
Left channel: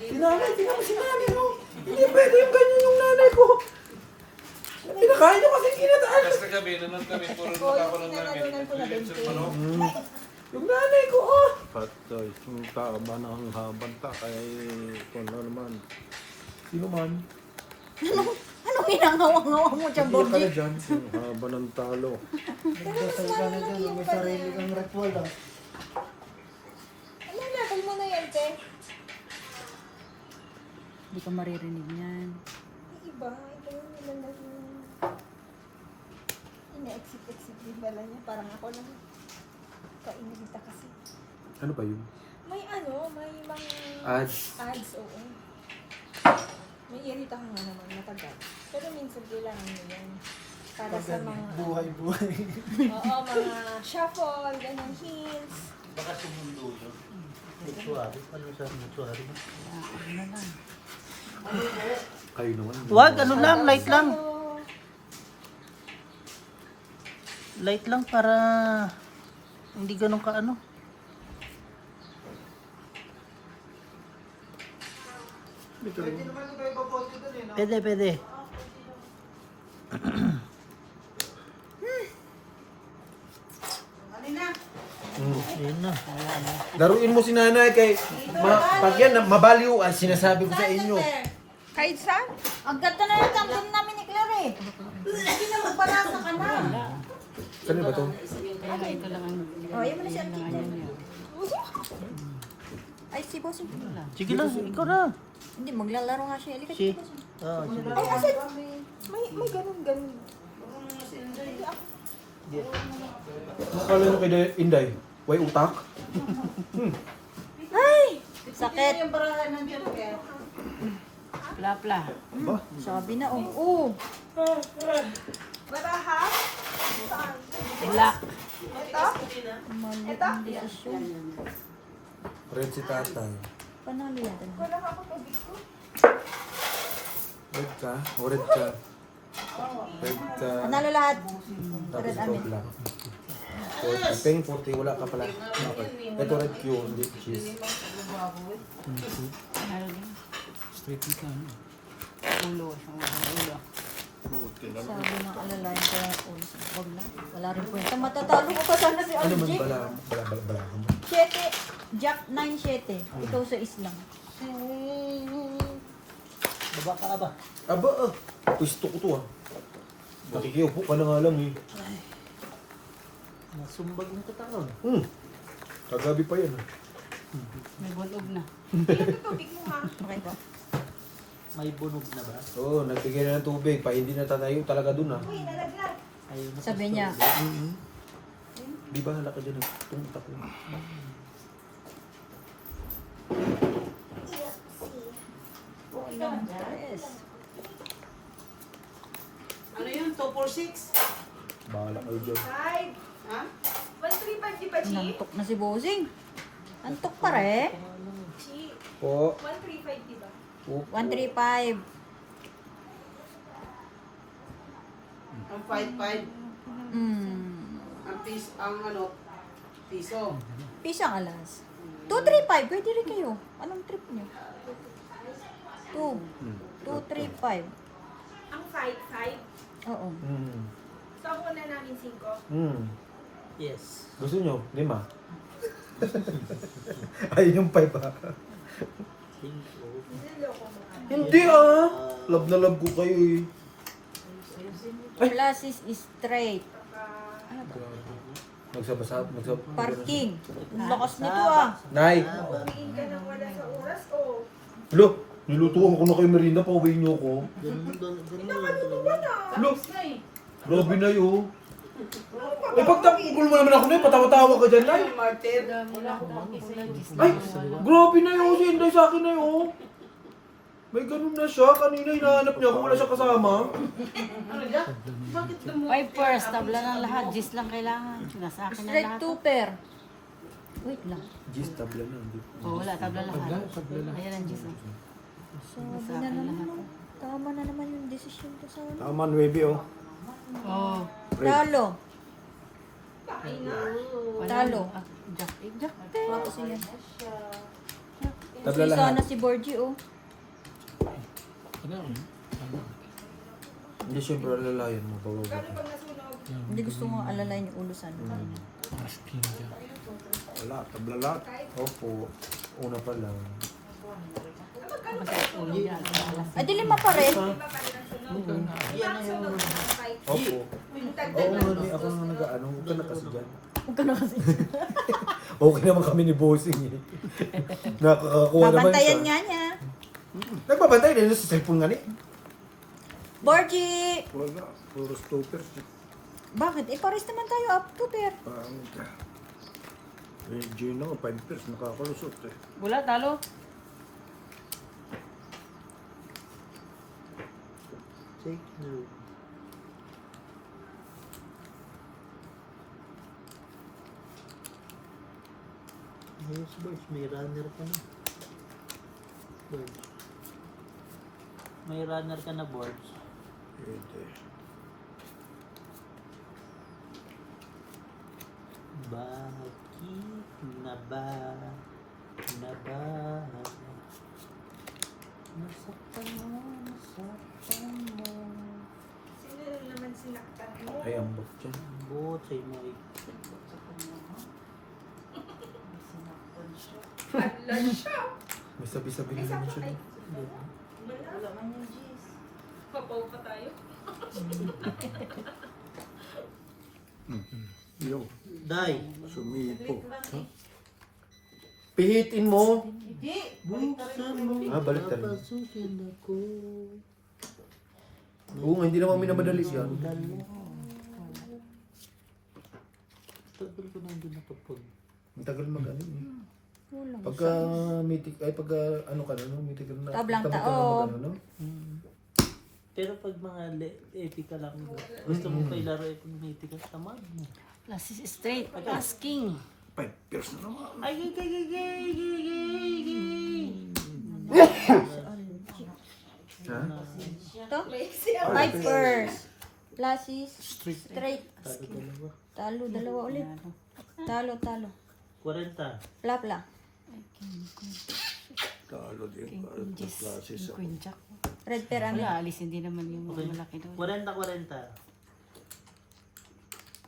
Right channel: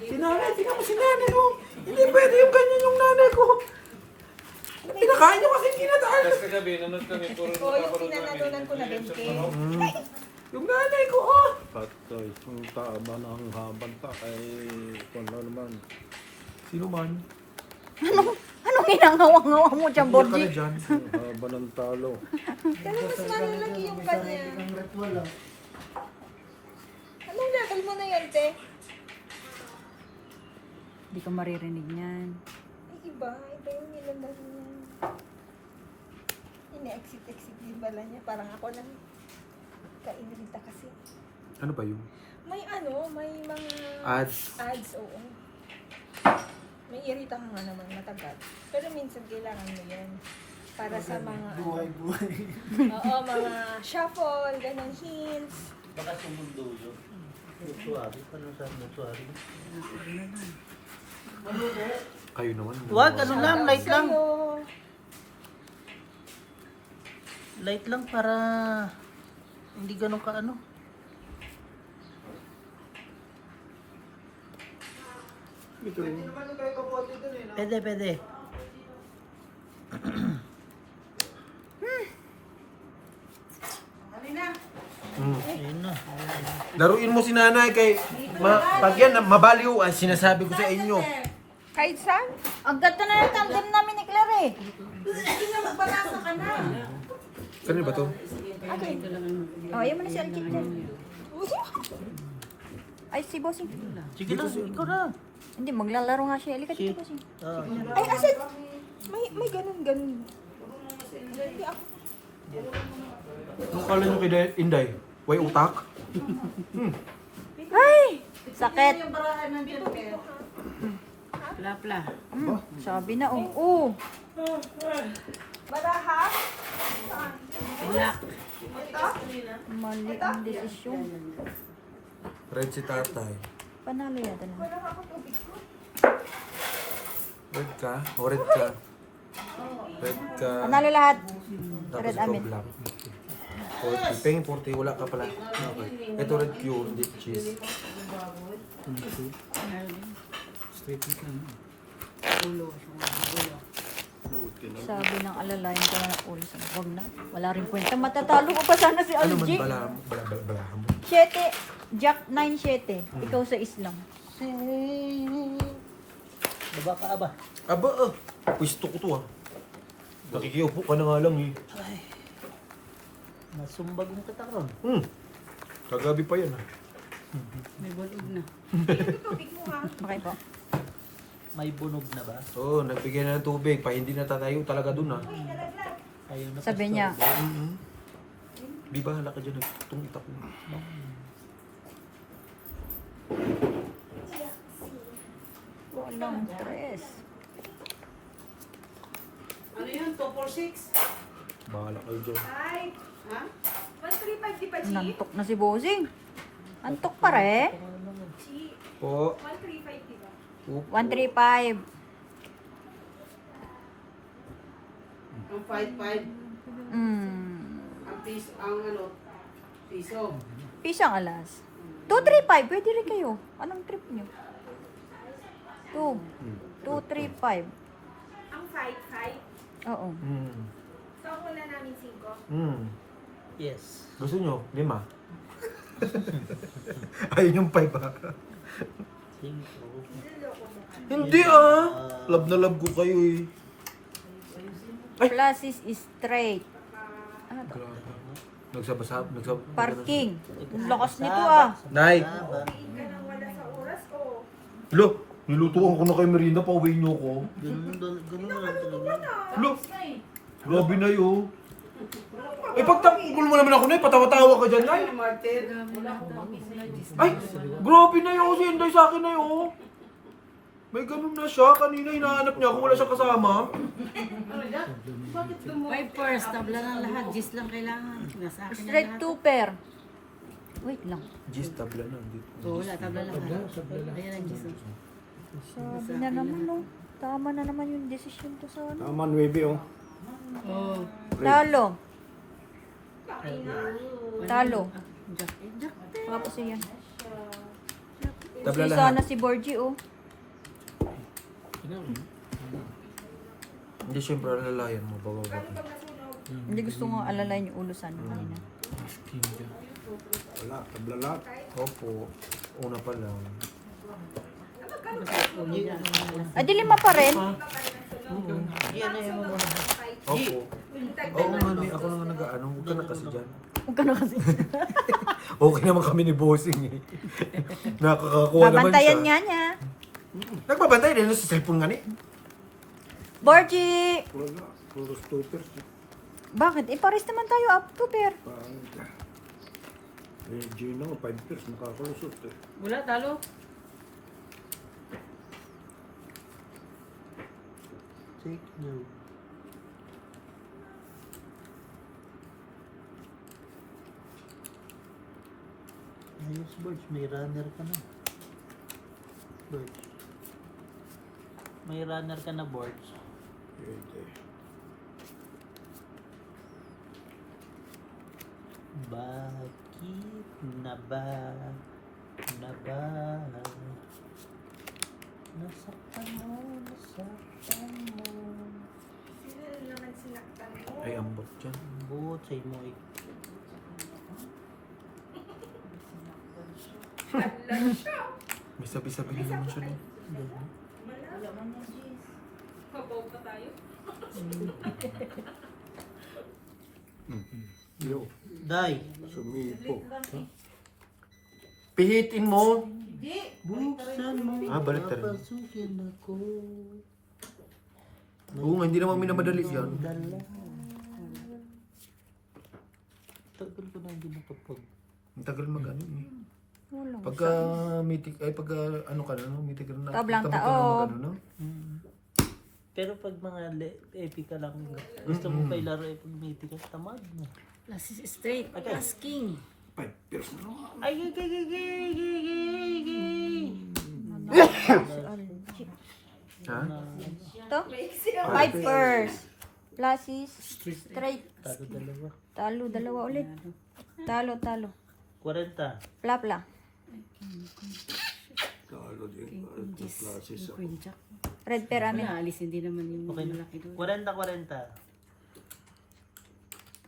Sinanay, tinapos si nanay oh. Hindi pwede yung ganyan yung nanay ko. Pinakain nyo kasi kinataan. Kasi kagabi, nanonood kami, puro nakapanood namin. Yung nanay ko oh. Patay, yung taba ng habanta ay kung ano naman. Sino man? Anong hinangawang-ngawa mo dyan, Hindi ka na Borgi? dyan. Yung haba ng talo. Basal ka na dyan. May sarili kang ritual ah. Anong level mo na yan, te? Hindi ka maririnig niyan. Iba yung nilalag mo. Ina-exit-exit din pala niya. Parang ako lang. Kainilita kasi. Ano ba yun? May may mga Ads. ads, oo. May irita mo nga naman matagal. Pero minsan kailangan mo yun. Para sa mga, Buhay-buhay. oo, mga shuffle, ganyan, hints. Baka sumundo yun. Mortuary. Ano sa mortuary? Kayo naman. What? Ano lang? Light lang. Sa'yo, Light lang para hindi ganun ka ano. Ito rin. Pwede, pwede. Laruin mo si nanay kay pag yan, mabaliw ang sinasabi ko sa inyo. Kahit saan? Ang ganda na ng tandem namin ni Claire eh. Hindi na magbalasa ka na. Kanino ba to? Oh, ayaw mo na si Alkit dyan. Ay, si Bossing. Sige lang, ikaw na. Hindi, maglalaro nga siya. Halika dito, Bossing. May ganun. Ano kala yung kay Inday? Way utak? Ay! Sakit. Yung barahan ng Joker. Pla. Sabi na, oh. Baraha? Wala. Mali ang desisyon. Red si tatay. Panalo yata naman. Red ka? O red ka? Red ka. Panalo lahat. Tapos Red ikaw amin. black. 40. Peng 40, wala ka pala. Okay. Ito red Q, hindi cheese. Straight ka, ano? Ulo. Sabi ng alalayan ko na ulo sa wag na. Wala rin kwenta. Matatalo ko pa sana si Ano man Algie. bala mo? 7, Jack 9-7. Ikaw sa islang. Baba ka aba. Aba pwesto ko to Nakikiupo ka na nga lang eh. Nasumbag yung katawan. Kagabi pa yan. Nagulog na. Okay po. May bunog na ba? Oo, nagbigay na ng tubig pa. Hindi natatayo talaga dun Ay, Sabi niya, Di ba halaka dyan itong itak ko. walang stress. Ano yun? 246? Bahala kayo dyan. Five. Ha? 135 di ba, Chi? Nantok na si Bossing. Nantok pa rin. Chi. Po. 135 di ba? 135. Ang 55. Ang piso. Piso ang alas. 235. Pwede rin kayo. Anong trip niyo? 235. Ang 5. Oo. So, ako na namin 5. Yes. Gusto nyo? 5? Ayun yung 5 Niloloko mo ka. Hindi Love na love ko kayo eh. Plus is straight. Ano to? Nagsabasab. Parking. Ang lakas nito Nay. Umiin ka nang wala sa oras o? Lo, nilutuan ko na kayo merienda. Pauwi nyo ko. Lo, grabe na yun. Ay, pagtapugol mo naman ako na patawa-tawa ka dyan, Nay. Martin. Ay, grabe na yun. Si Inday sa akin na yun. May ganun na siya. Kanina hinahanap niya kung wala siya kasama. Ano yan? Bakit mo? 5 pairs, tabla ng lahat. 10 lang kailangan. Nasa akin na Straight lahat. 2 pair. Wait lang. Gis, tabla na. Wala, tabla lang. Ayan ang 10. Sabi na naman tama na naman yung decision ko sa ano. Tama, 9 Oh. Talo. Talo. Jack. Tapos yun. Tabla Si lahat. sana si Borgie Hindi siyempre alalayan mo. Bababa. Hindi gusto mo alalayan yung ulo sana. Wala, tabla lahat. Opo. Una pa lang. Ay, di 5 pa rin. Opo. Oo nga, ako na nga nag-ano. Huwag ka na kasi dyan. Huwag ka na kasi. Okay naman kami ni Bossing eh. Nakakakuha naman siya. Babantayan nga niya. Nagbabantay din sa cellphone nga ni. Borgie! Wala, puro stoppers. Bakit? Pares naman tayo up to pair. Pangit. Eh, Gina nga, 5 pairs, nakakalusot eh. Wala, talo. Take note. Ayos, Birch. May runner ka na. Birch. May runner ka na, Birch. Pwede. Bakit na ba? Nasaktan mo. Sino naman sinaktan mo? Ay, ambot dyan. Ambot sa'yo mo ay. May sabi-sabi din naman siya. Papaw pa tayo. Yo, Day. sumipo. Pihitin mo. Buksan mo. Balik tayo. Papasukin ako. Oo, hindi naman minamadali yan. Tagal ko na hindi nakapag. Ang tagal mag-ano eh. Walang Pagka mitik, ay pagka ano ka na, no? Mitik ka na. Tablang tabang ka tao. na mag-ano, no? Pero pag mga epic ka lang, gusto mo pa ilaro epic ka, tamad mo. Plus is straight. Asking. 5 years na naman. Ay, Ha? Ito? Pipers. Plus is straight. Talo, dalawa ulit. Talo. 40. Pla. Talo din ka at classes ako. Queen Jack. Red pair amin. Alisin din naman yung malaki doon. 40.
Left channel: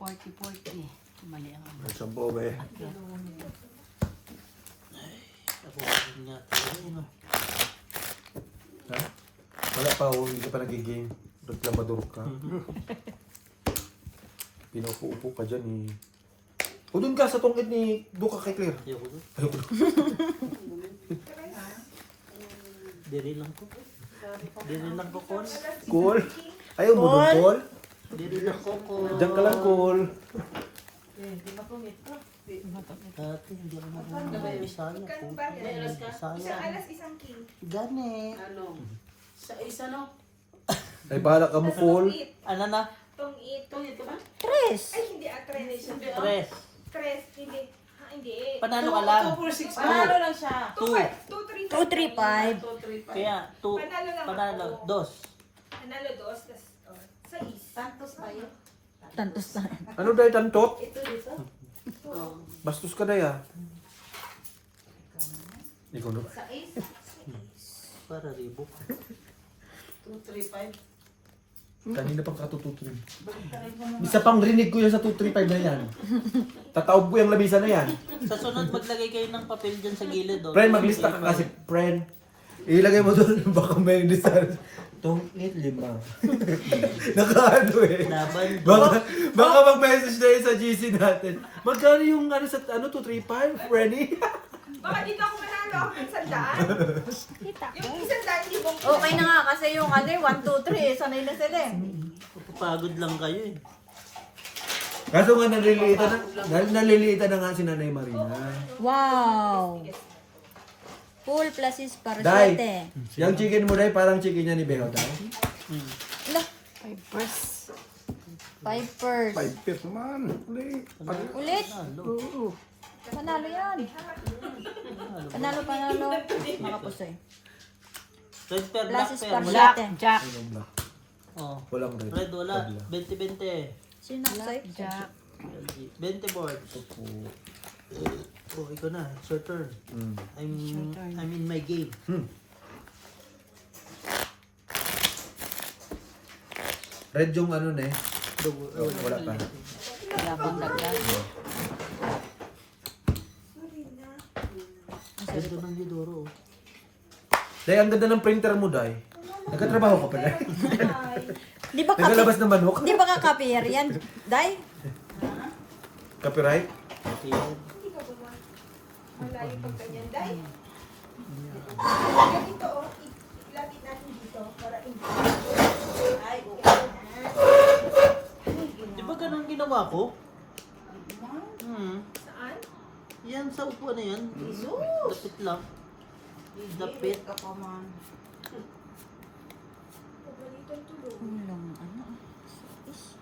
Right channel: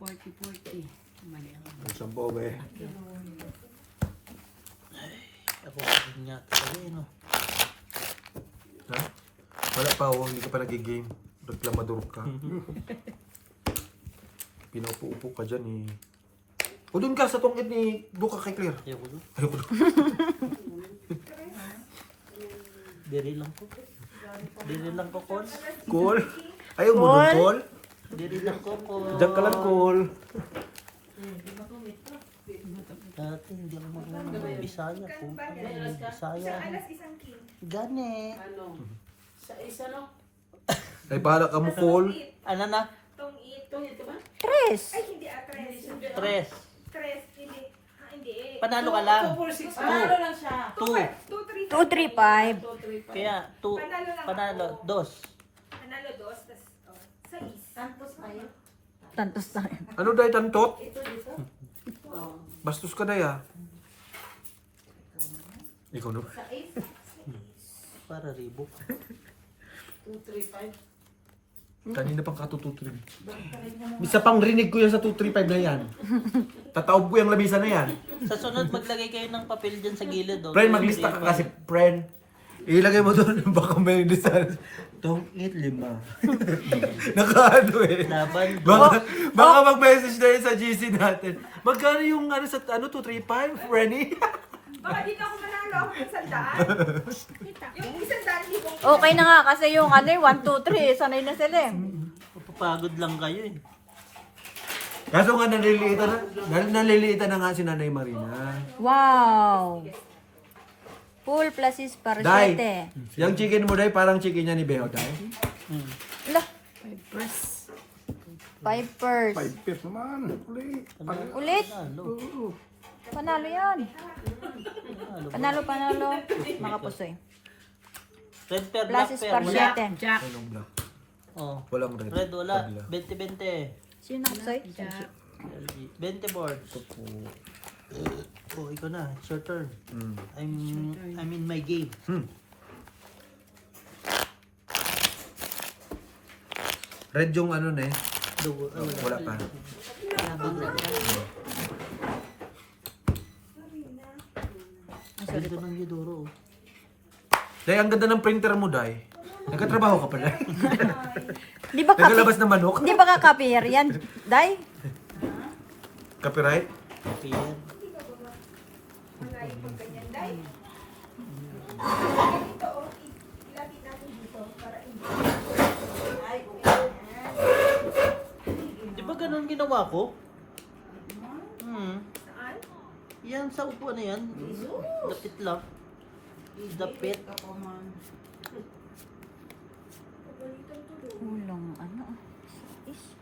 40. Mali ang Ang sampo ba eh. Ako niya. Ano? Ha? Wala pa, hindi ka pa nagigame. Reklamador ka. Pinaupo-upo ka dyan eh. O dun ka sa tungkid ni Buka kay Claire. Ayoko. Ayoko. Biri lang po. Biri lang po, Col. Cool. Ayaw mo dun, Cool. Biri lang po, Col. Diyan ka lang, Cool. Dati hindi ako naging Bisaya po. Bisaya. Alas isang king. Gani. Ano? Sa isa no? Ay, bahala ka mo, Cool. Ano na? Tong it. Tungit ka ba? Tres. Ay, hindi atres. 3. Tres. Hindi. Hindi. Panalo ka lang. 2 4 6. Panalo lang siya. 2. 2, 3, 2, 3, 5. 2 3 5. Kaya 2. Panalo lang Panalo. ako. 2. Panalo dos. Tas, sa is. Santos tayo. Tantos tayo. Ano dahil tantot? Ito dito. Bastos ka dahil ah. Ikaw na. Sa is. Para ribok. 2 3 5. Kanina pang katututrin. Isa pang rinig ko yan sa 235 na yan. Tataob ko yung lamisa na yan. Sa sunod, maglagay kayo ng papel dyan sa gilid. Oh. Friend, maglista ka kasi, friend. Ilagay mo doon, baka may design. Tong 8-5. Nakaano eh. Laban. Baka mag-message na yun sa GC natin. Magkano yung ano sa 235, Frenny? Baka dito ako manalo ako ng 100. Yung 100,000 Okay na nga kasi yung 1, 2, 3. Sanay na sila eh. Pagod lang kayo eh. Kaso nga naliliitan na nga si Nanay Marina. Wow. Full plus is para Dai, 7. yung chicken mo dai parang chicken niya ni Beho dai. Lah, 5 5 5 years naman. Uli. Ulit. Oo. Panalo yan. Panalo. Makapusoy. Red pair, Plus black is pair. para Wala. 7. Jack. Anong black? Oh. Walang red. Red wala. Pagla. 20-20. Sino sa'yo? Jack. 20 boards. Oh, ikaw na. It's your turn. I'm in my game. Red yung ano na eh. Wala pa. Ganda ng Lidoro. Oh. Dai, ang ganda ng printer mo, Dai. Nagkatrabaho ka pa, Dai. Di ba Nagalabas ng manok? Di ba ka-copyer yan? Dai? Copyright? Ayan. malayo pag ganyan. Dahil, ito, ilapit natin dito para hindi. Ay, Di ba ganun ginawa ko? Saan? Yan, sa upuan na yan. Dapit lang. Dapit. Ulong ano? Is.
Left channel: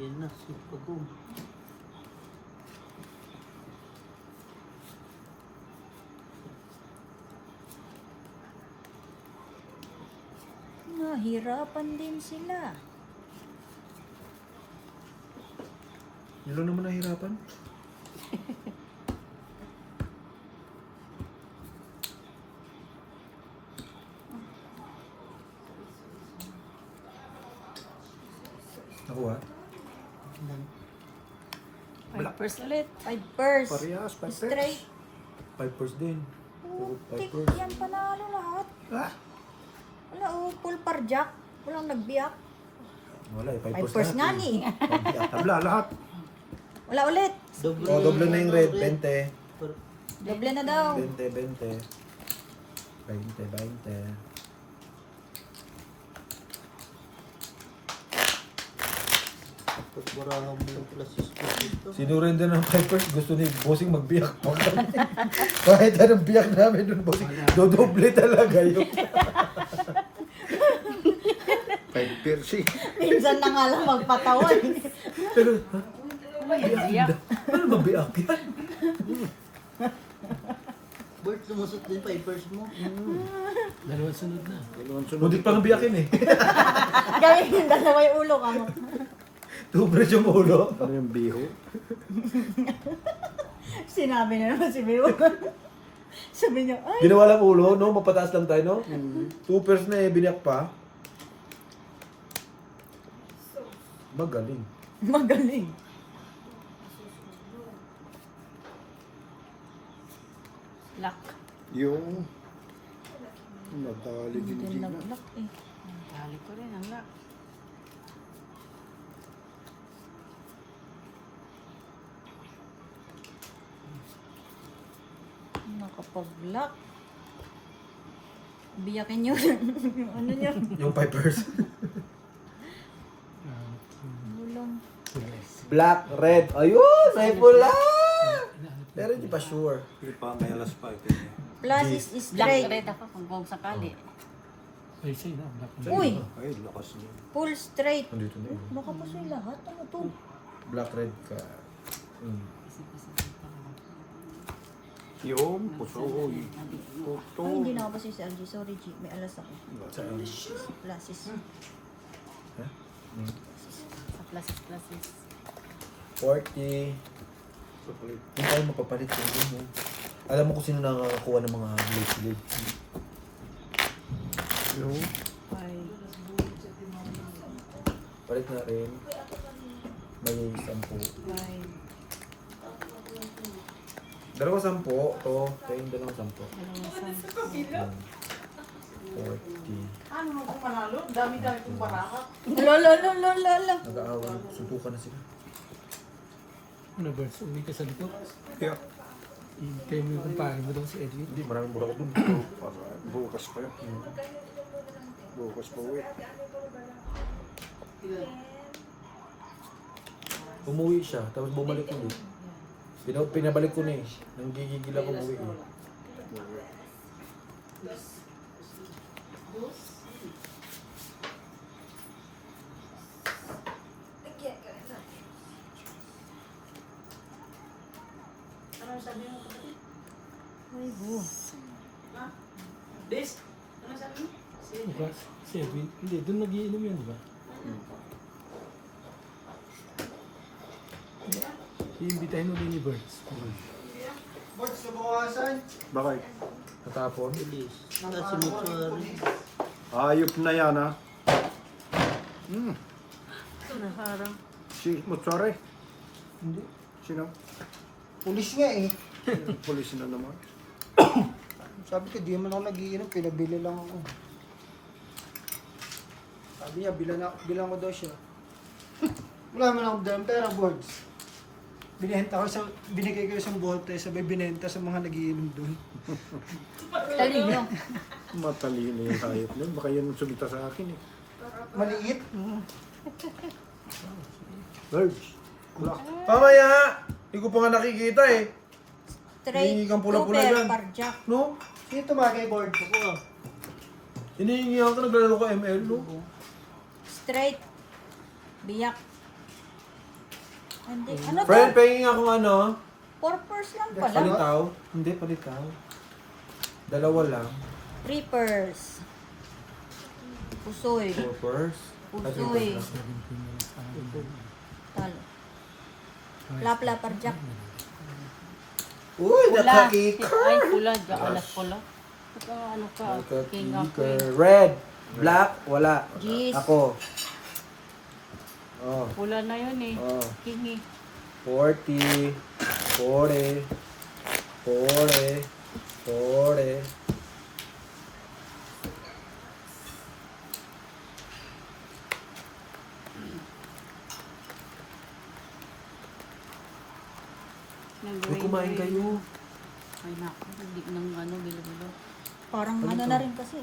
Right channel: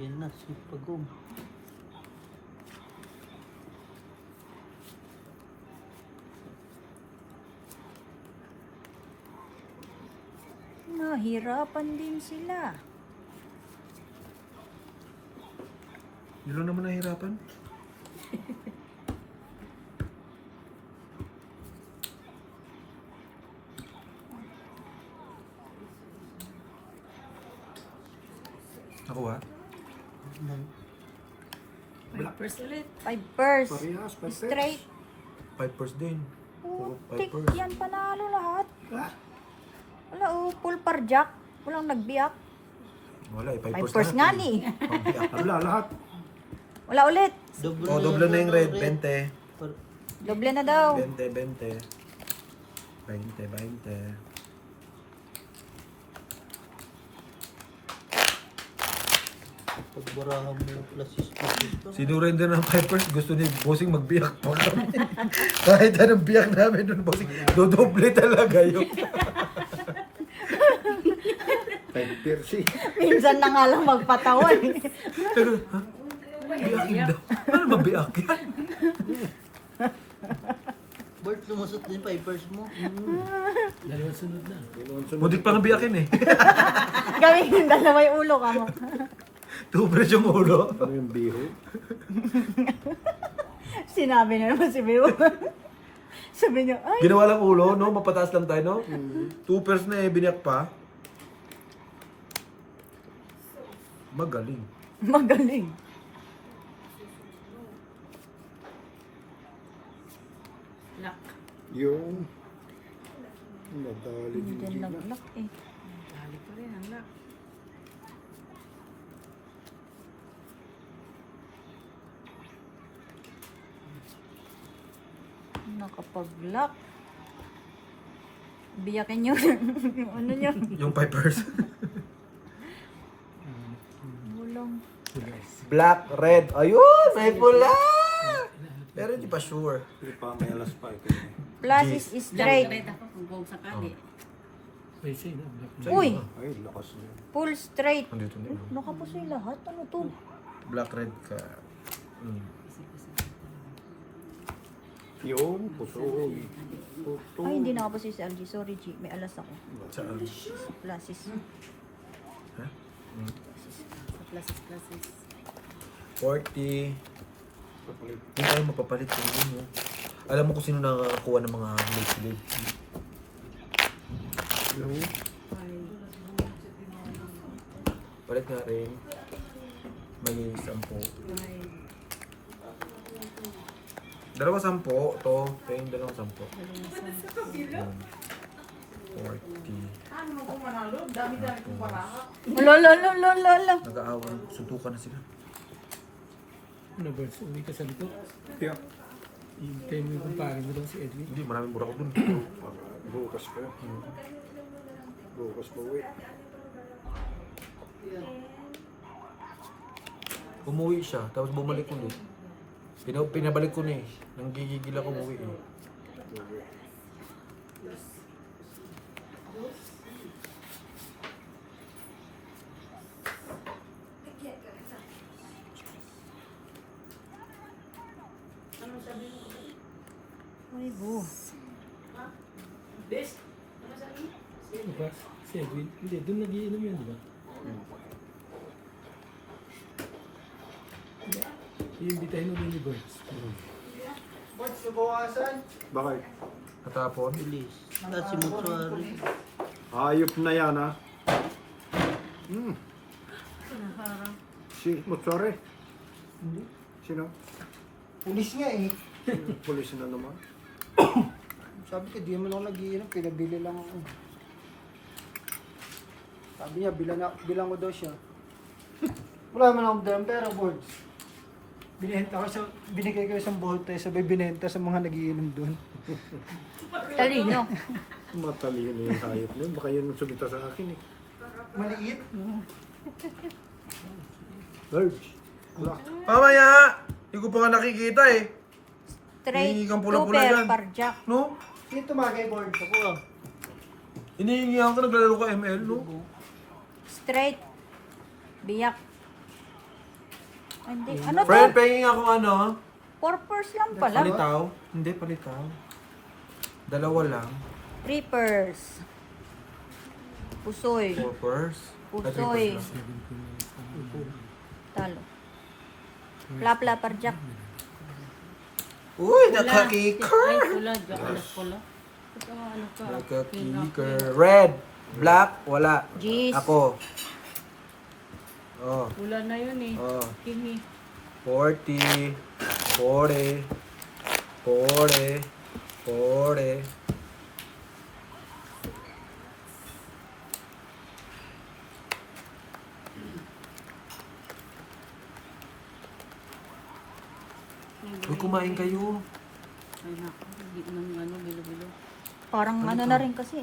Yan na, super boom. Nahirapan din sila. Yun naman nahirapan. Nakuha? Black. First ulit. 5 purse. Parehas, 5 Straight. 5 din. Puro 5 Putik, purse. yan panalo lahat. Ah, Wala full parjak. Walang nagbiyak. Wala eh, 5 5 purse nga ni. tabla lahat. Wala ulit. Doble na yung red, 20. Doble na daw. 20, 20. 20, 20. Pagburangan mo yung plus Sinurrender ng Pipers, gusto ni Bossing magbiyak. Kahit anong biyak namin doon, Bossing, dodoble talaga yun. 5 piercing. Minsan na nga lang magpatawan. Pero, ha? Ano mabiyak yan? Bert, lumusot din papers mo. Dalawang sunod na. Mudit pang biyakin eh. Gawin yung dalawa yung ulo ka mo. Tubres yung ulo. Ano yung biho? Sinabi na naman si Beo. Sabi niya, ay, Ginawa lang ulo, no? Mapataas lang tayo, no? 2 pairs na eh, biniyak pa. Magaling. magaling. Lock. Yung nadali din Hindi din na. nag-lock eh. Tali ko rin ang lock. Nakapag-lock. Biyakin nyo. Ano nyo? Yung Pipers. Bulong. Black, red. Ayun! May pula! Pero hindi pa sure. Hindi pa, may alas pa. Kanya. Plus is straight. Black red ako kung buong sakali. Ay, say na. Uy! Ay, lakas niya. Full straight. Nandito na yun. Nakapusoy lahat. Ano to? Black, red ka. Yung pusoy. Puto. Ay, hindi nakapusoy si Algie. Sorry, G. May alas ako. Saan? Plus is. Ha? Sa places. 40. Kapalit. Hindi tayo mapapalit yung yun. Alam mo kung sino nakakakuha ng mga late. Yung Ay. Palit nga rin. May 10. Ay. Dalawa 10. To. Kaya yung dalawang 10. Yan. 40. Ano mo kung manalo? Dami-dami kong baraka. Lolo. Nag-aawan. Suntukan na sila. Ano, Bert? Uwi ka sa likod. yeah. Hintayin mo yung kumpare mo daw si Edwin. Hindi, maraming burakot dun. Para bukas pa yun. Bukas pa uwi. Umuwi siya, tapos bumalik ulit. Pinabalik ko na eh. Nanggigigil ako umuwi eh. Uwi. Ay, bo. This? Ano sabi mo? Bukas, si Edwin. Hindi, doon nagiinom yan, di ba? Iimbitahin mo din ni Bert. Board, subukasan. Bakit? Natapon. Bilis. Kasi mutuari. Ayop na yan ha. Si Mutsare. Sino? Pulis nga eh. Pulis na naman. Sabi ko, di mo lang nag-iinom, pinabili lang ako. Sabi niya, bilang mo daw siya. Wala man akong dalang pera, boards. Binigay ko isang bote, sabay binenta sa mga nagiinom doon. Talino. Matalino yung hayop na yun. Baka yun ang sumita sa akin eh. Maliit. Birds. Wala. Pamaya! Hindi ko pa nga nakikita eh. Straight. Hinihingi kang pula-pula Super dyan. parjak. No? Dito magay board ko. Hinihingi ako, naglalaro ko ML, no? Straight. Biyak. Hindi. Ano to? Friend, pahingin akong ano? Purpose lang pala. Palitaw? Hindi, palitaw. Dalawa lang. Reapers. Pusoy. Purpose. Pusoy. Talo. Plapla parjak. Uy, Pula. nakakika! Ay, pula. Alas pula. Ito, ano ka? King of Nakakika. Red. Black, wala. Jeez. Ako. Oh. Pula na yun eh. Oh. King eh. 40, 40, 40, 40. Uy, kumain kayo. Anak, hindi nang ano, bilo-bilo. Parang ano na rin kasi.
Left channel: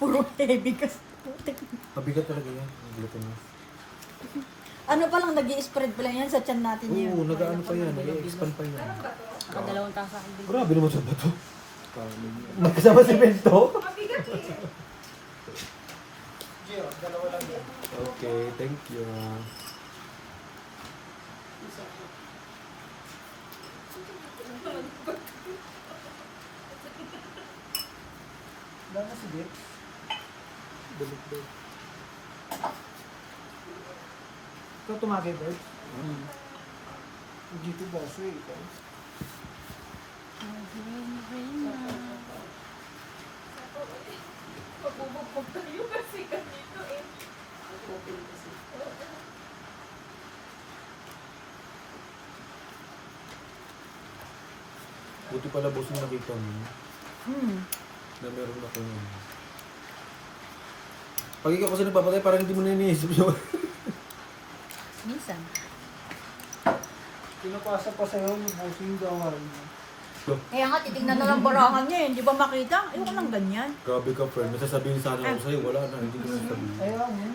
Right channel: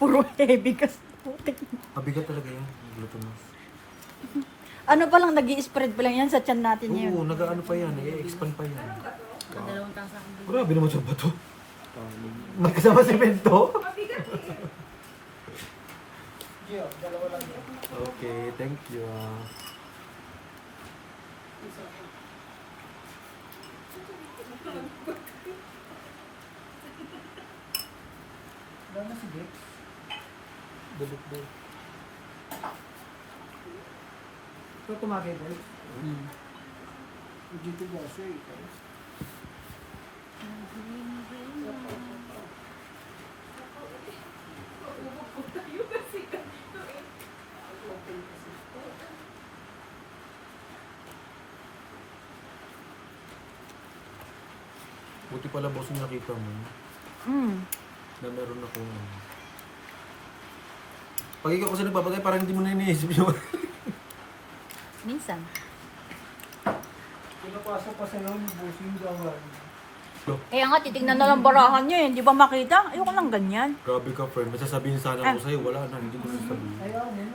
Puro heavy kasi. Putik. Mabigat talaga yan. Ang glutinous. Ano pa lang, nag-i-spread pa lang yan sa tiyan natin yun. Oo, nag-ano pa yan. Nag-expand pa yan. Dalawang tasa ko din. Grabe naman sa bato. Magkasama si Bento. Okay, thank you. Dami si Blix. Balik daw. Ito tumagay ba? GT boss eh. Buti pala boss yung nakita mo. Na meron akong ano. Pag ikaw kasi nagpapatay, parang hindi mo na iniisip yun. Minsan. Pinapasa pa sa'yo yung busing gawar. Kaya nga, titignan na lang barahan nyo eh. Hindi ba makita? Ayoko lang ganyan. Grabe ka, friend. Masasabihin sana ako sa'yo. Wala na. Hindi ko nasasabihin. Ayun, yun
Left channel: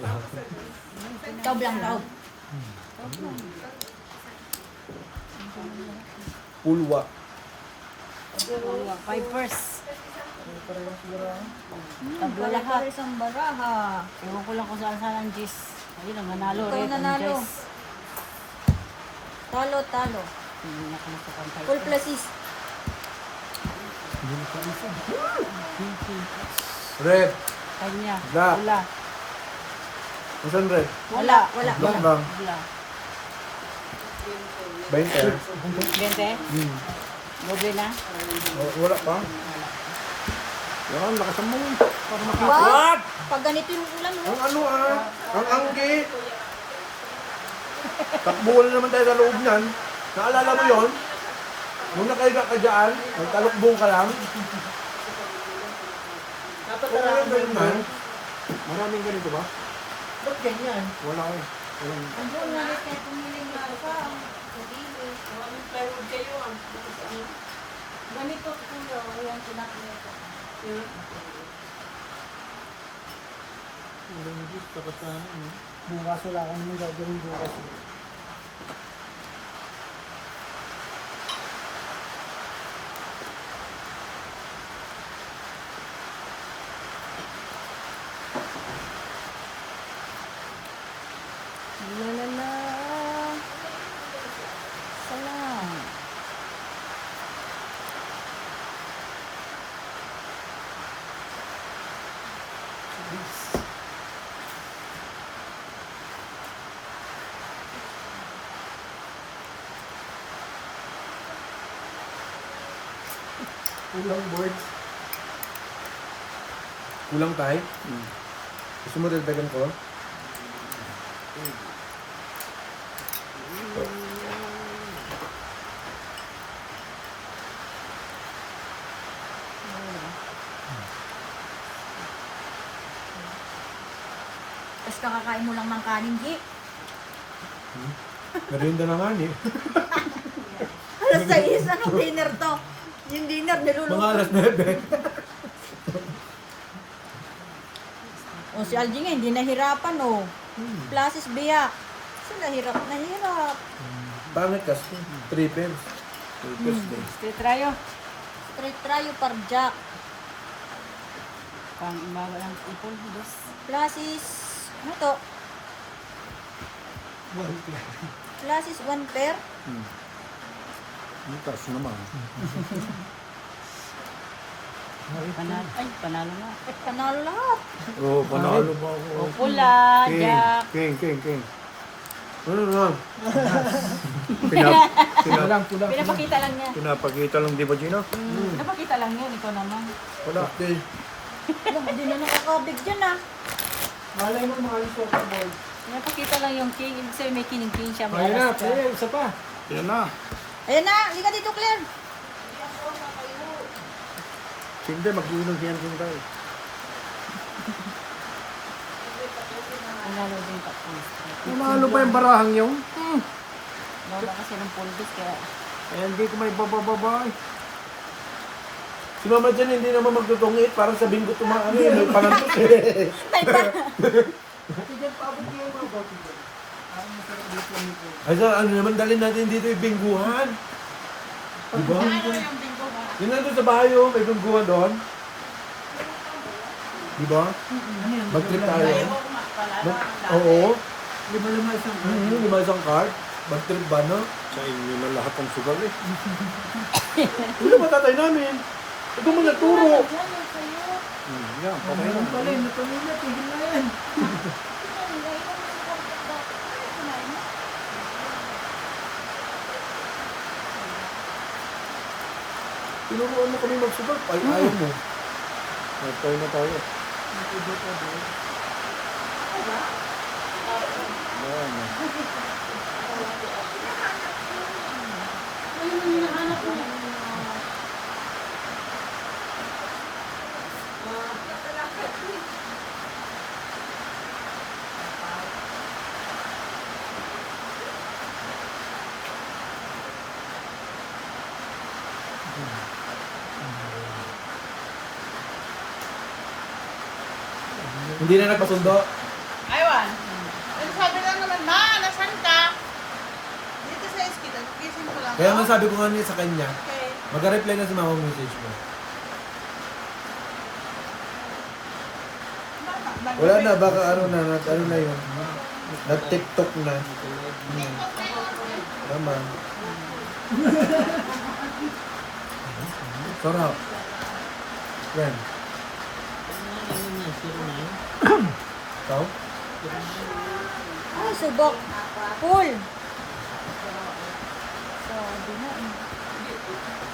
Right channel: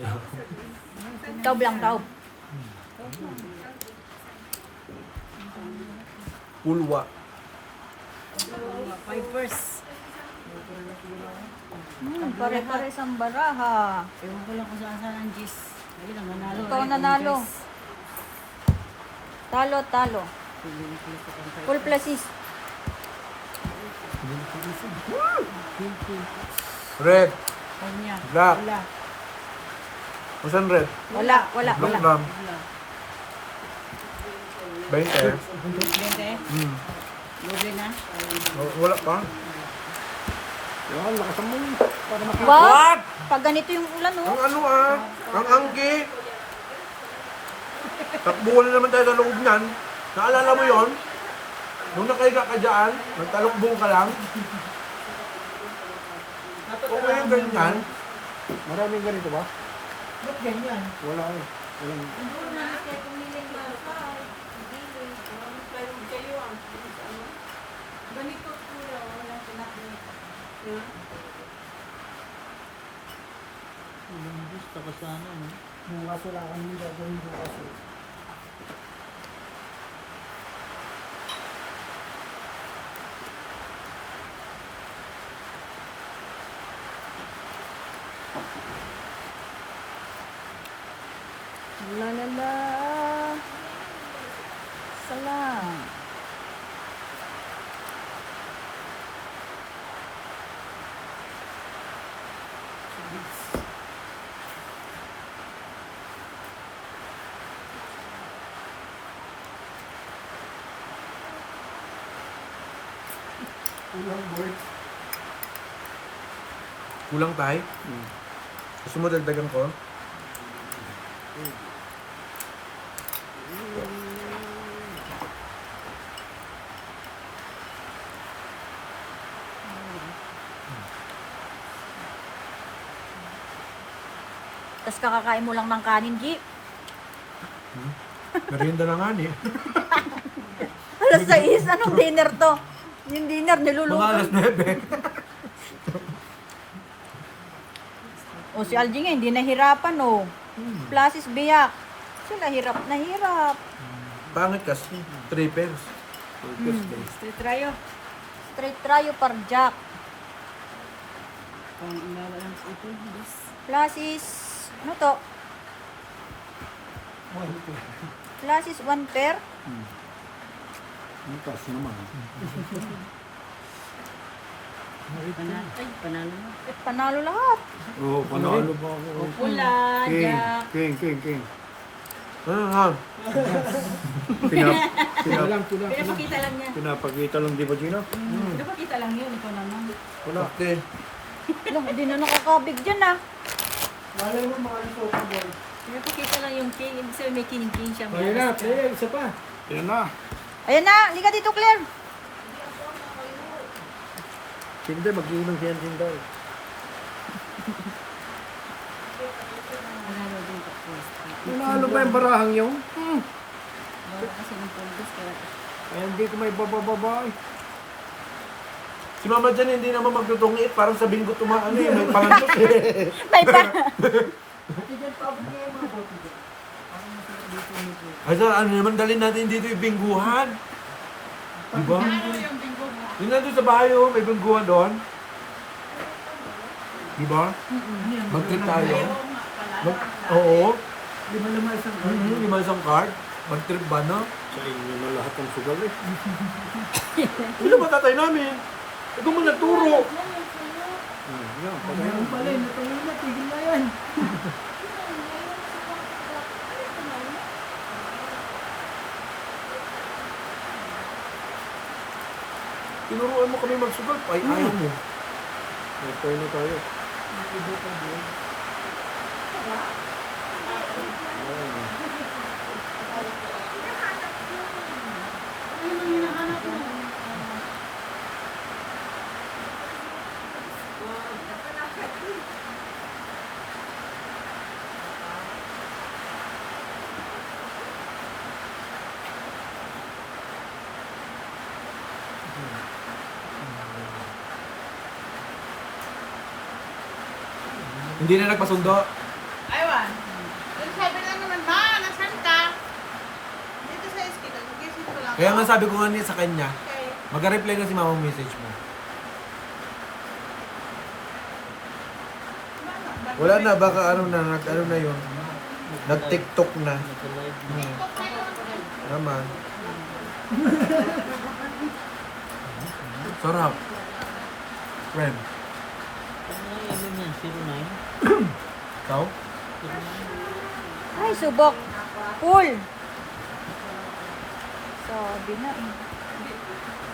na. Taob lang, taob. Pulwa. Pipers. Pare-pares ang baraha. Ewan ko lang kung saan ang gis. Ayun ang nanalo. Ito right? nanalo. Ang gis. Talo, talo. Hindi na kalimutan tayo. Full plasis. Red. Kanya. Black. Wala. Masan red? Wala, wala, Black wala. lang. Wala. 20. Bente? Gobe na? Wala pa. Yan, lakasan mo. Para makita. What? Pag ganito yung ulan, oh. Ang ano ang anggi. Takbuhan na naman tayo sa loob nan. Naalala mo yon? Nung nakaiga ka dyan, nagtalukbong ka lang. Kung ngayon ganun man, Maraming ganito ba? Ba't ganyan? Wala eh. Walang... Ganito kuya, walang pinakita. Bukas wala ka naman gagawin bukas. La la la. Salam. Ulang birds. kulang tayo. Gusto mo dagdagan ko? Tapos kakakain mo lang ng kanin, G. Merienda na nga ni. Alas 6, anong dinner to? Yung dinner, niluluto. Mga alas 9. O si Algie nga, hindi nahirapan, o. Plasis biyak. Sila hirap na hirap. Pangit kasi. Trippers. Straight tayo. Straight tryo par jack. Pang imawa ng ipon. Dos. Plasis, ano to? Plasis 1 pair. Bukas naman. Panalo. Ay, panalo mo. Eh, panalo lahat. Oo, panalo pa ako. O pula, jack. King. Ano nga? Pinapakita lang niya. Pinapakita lang, di ba, Gino? Pinapakita lang yun. Ikaw naman. Wala. Okay. Alam, hindi na nakakabig dyan, ah. Malay mo, maalis ko ka, boy. Pinapakita lang yung king. Ibig sabihin may kining-king siya. May Ayun na, alas ka. Claire, isa pa. Yan na. Ayan na, liga dito, Claire. Hindi, mag-iinom siya ng Sinday. Nanalo din ka. Nanalo pa yung barahang yun. Wala kasi ng puldos kaya. Kaya hindi ko may babababay. Si Mama Jan hindi naman magtutungit. Parang sa bingo tumaano eh. May palantot eh. May pa. Ay, sa ano naman dalhin natin dito yung bingguhan. Diba? Yun na doon sa bahay oh. May bingguhan doon. Diba? Mag-trip tayo. Oo. Lima isang Lima isang card. Mag-trip ba no? Sa inyo na lahat ng sugal eh. Wala ba tatay namin? Ito mo naturo. Yan, patay na. pala, napalula, tigil na yan. Tinuruan mo kami magsugal. Ay, ayaw mo. Patay na tayo. Hindi na nagpasundo. Aywan. Ano sabi lang naman, ma, nasan ka? Dito sa eskin, gising ko lang. Kaya man sabi ko nga niya sa kanya, Okay. mag-reply na si mama message mo. Wala na, baka ano na yun. Nag-tiktok na. Naman. Sarap. When? Ano niya, 09? Ikaw? Ay, subok. Full. Sabi na eh.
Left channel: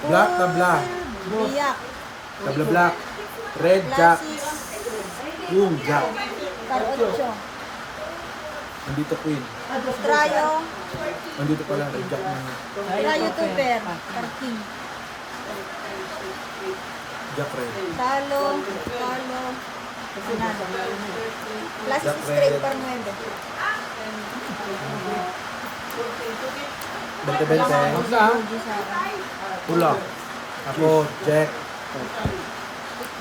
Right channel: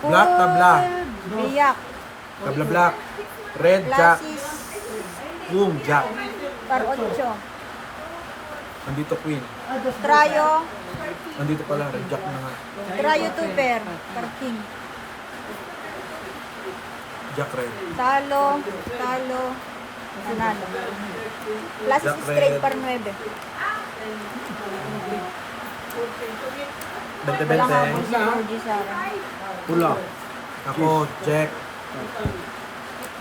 Black na black. Biyak. Tabla black. Red jack. Classes. Yung jack. Par 8. Andito queen. Trayo. Andito pala, red jack na. Trayo 2 pair. Par king. Jack red. Talo. Talo. Panalo. Classes Jack straight red. par 9. Bente-bente. Pula. Ako, check.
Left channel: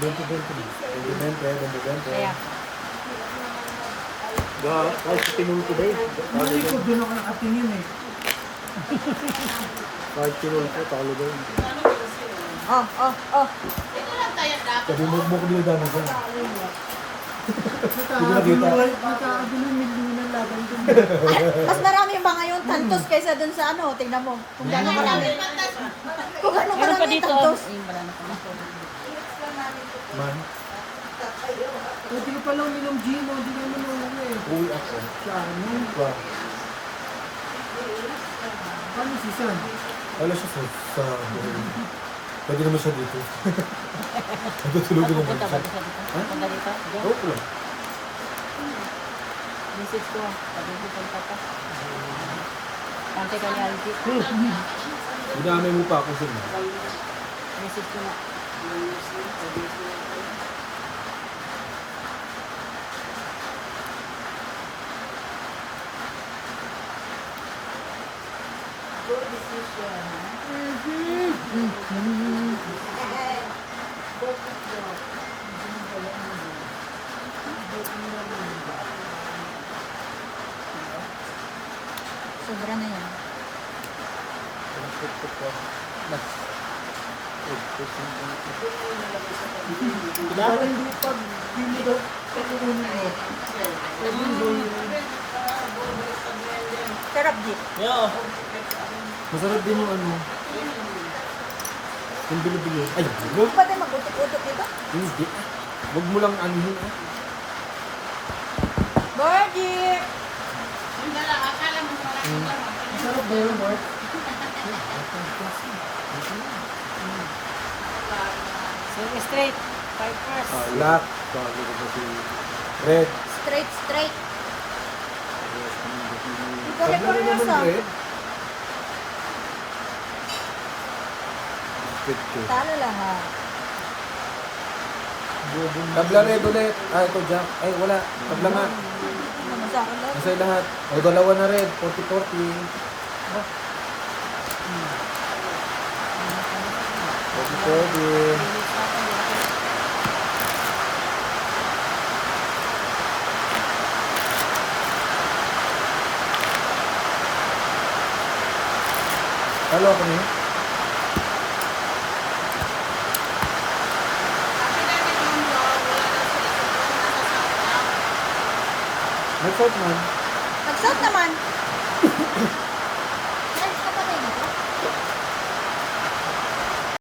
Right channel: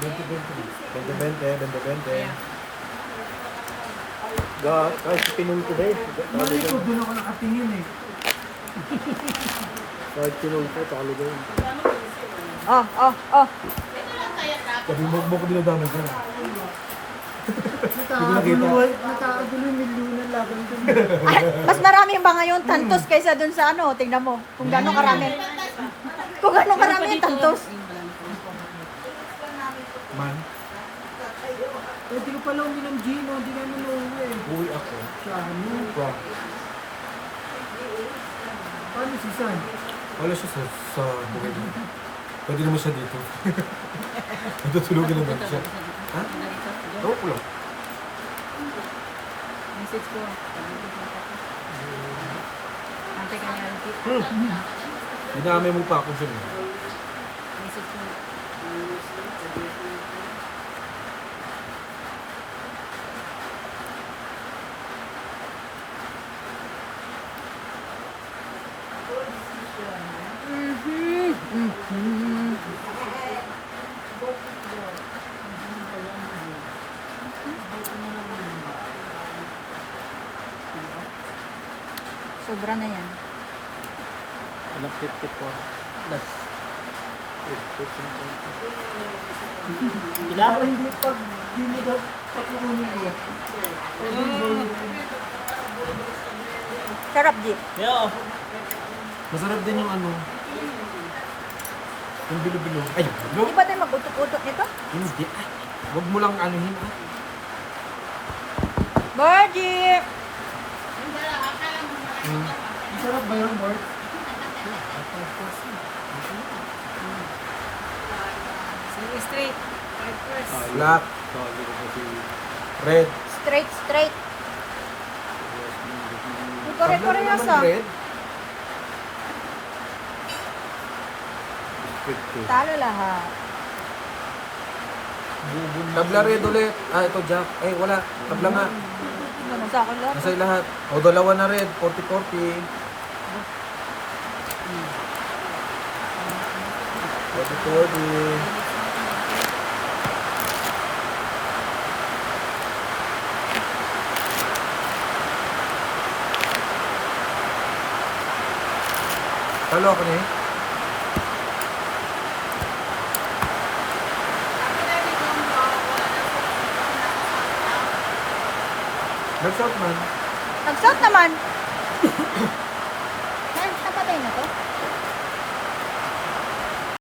Bente-bente. Bente-bente, bente-bente. Kahit pinul ko ba eh. Talo yun. Doon ako nakatingin eh. Kahit pinul ko, talo ba yun. Oh, oh, oh. Sabi mo ko binadama ko. Nakakagulo yung milyonan laban ko. Ay, mas marami ba ngayon tantos kaysa dun sa ano? Tingnan mo. Kung gano'ng karami. Kung gano'ng karami tantos. Man, Hindi ko pala uminom gin, hindi naman nauwi eh. uwi ako. Sa ano? Wow. Paano si San? Wala siya sa pwede naman siya dito. Natutulogin naman siya. Ha? Oo po lang. Message ko lang. Sabi ko sa papa. Ante ka ni Auntie. Dinamay mo pa ako sila. Message ko lang. Sobra na yan. Para hindi pag hindi daw pagkukunin mo. Pwede yung gawin. Sarap di. Yo! Masarap din yung ano. Yung bilo-bilo. Ay, Hindi huwag. ba din mag-utok-utok ito? Hindi. Huwag mo lang anuhin ah. Birdie! Masarap ba yun, Mark? So, straight. 5 first. Black, Talo ko pa si... red, Straight, straight. Tabla Pare-pare rin na naman sa. red. Talo lahat. Tabla red ulit. Ah, ito Jack. Eh, wala. Tabla nga. Ano sa akin lahat? Nasa lahat. O, dalawa na red. 40-40. 40-40. Talo ako na yun. Nag-shot man. Nag-shot naman.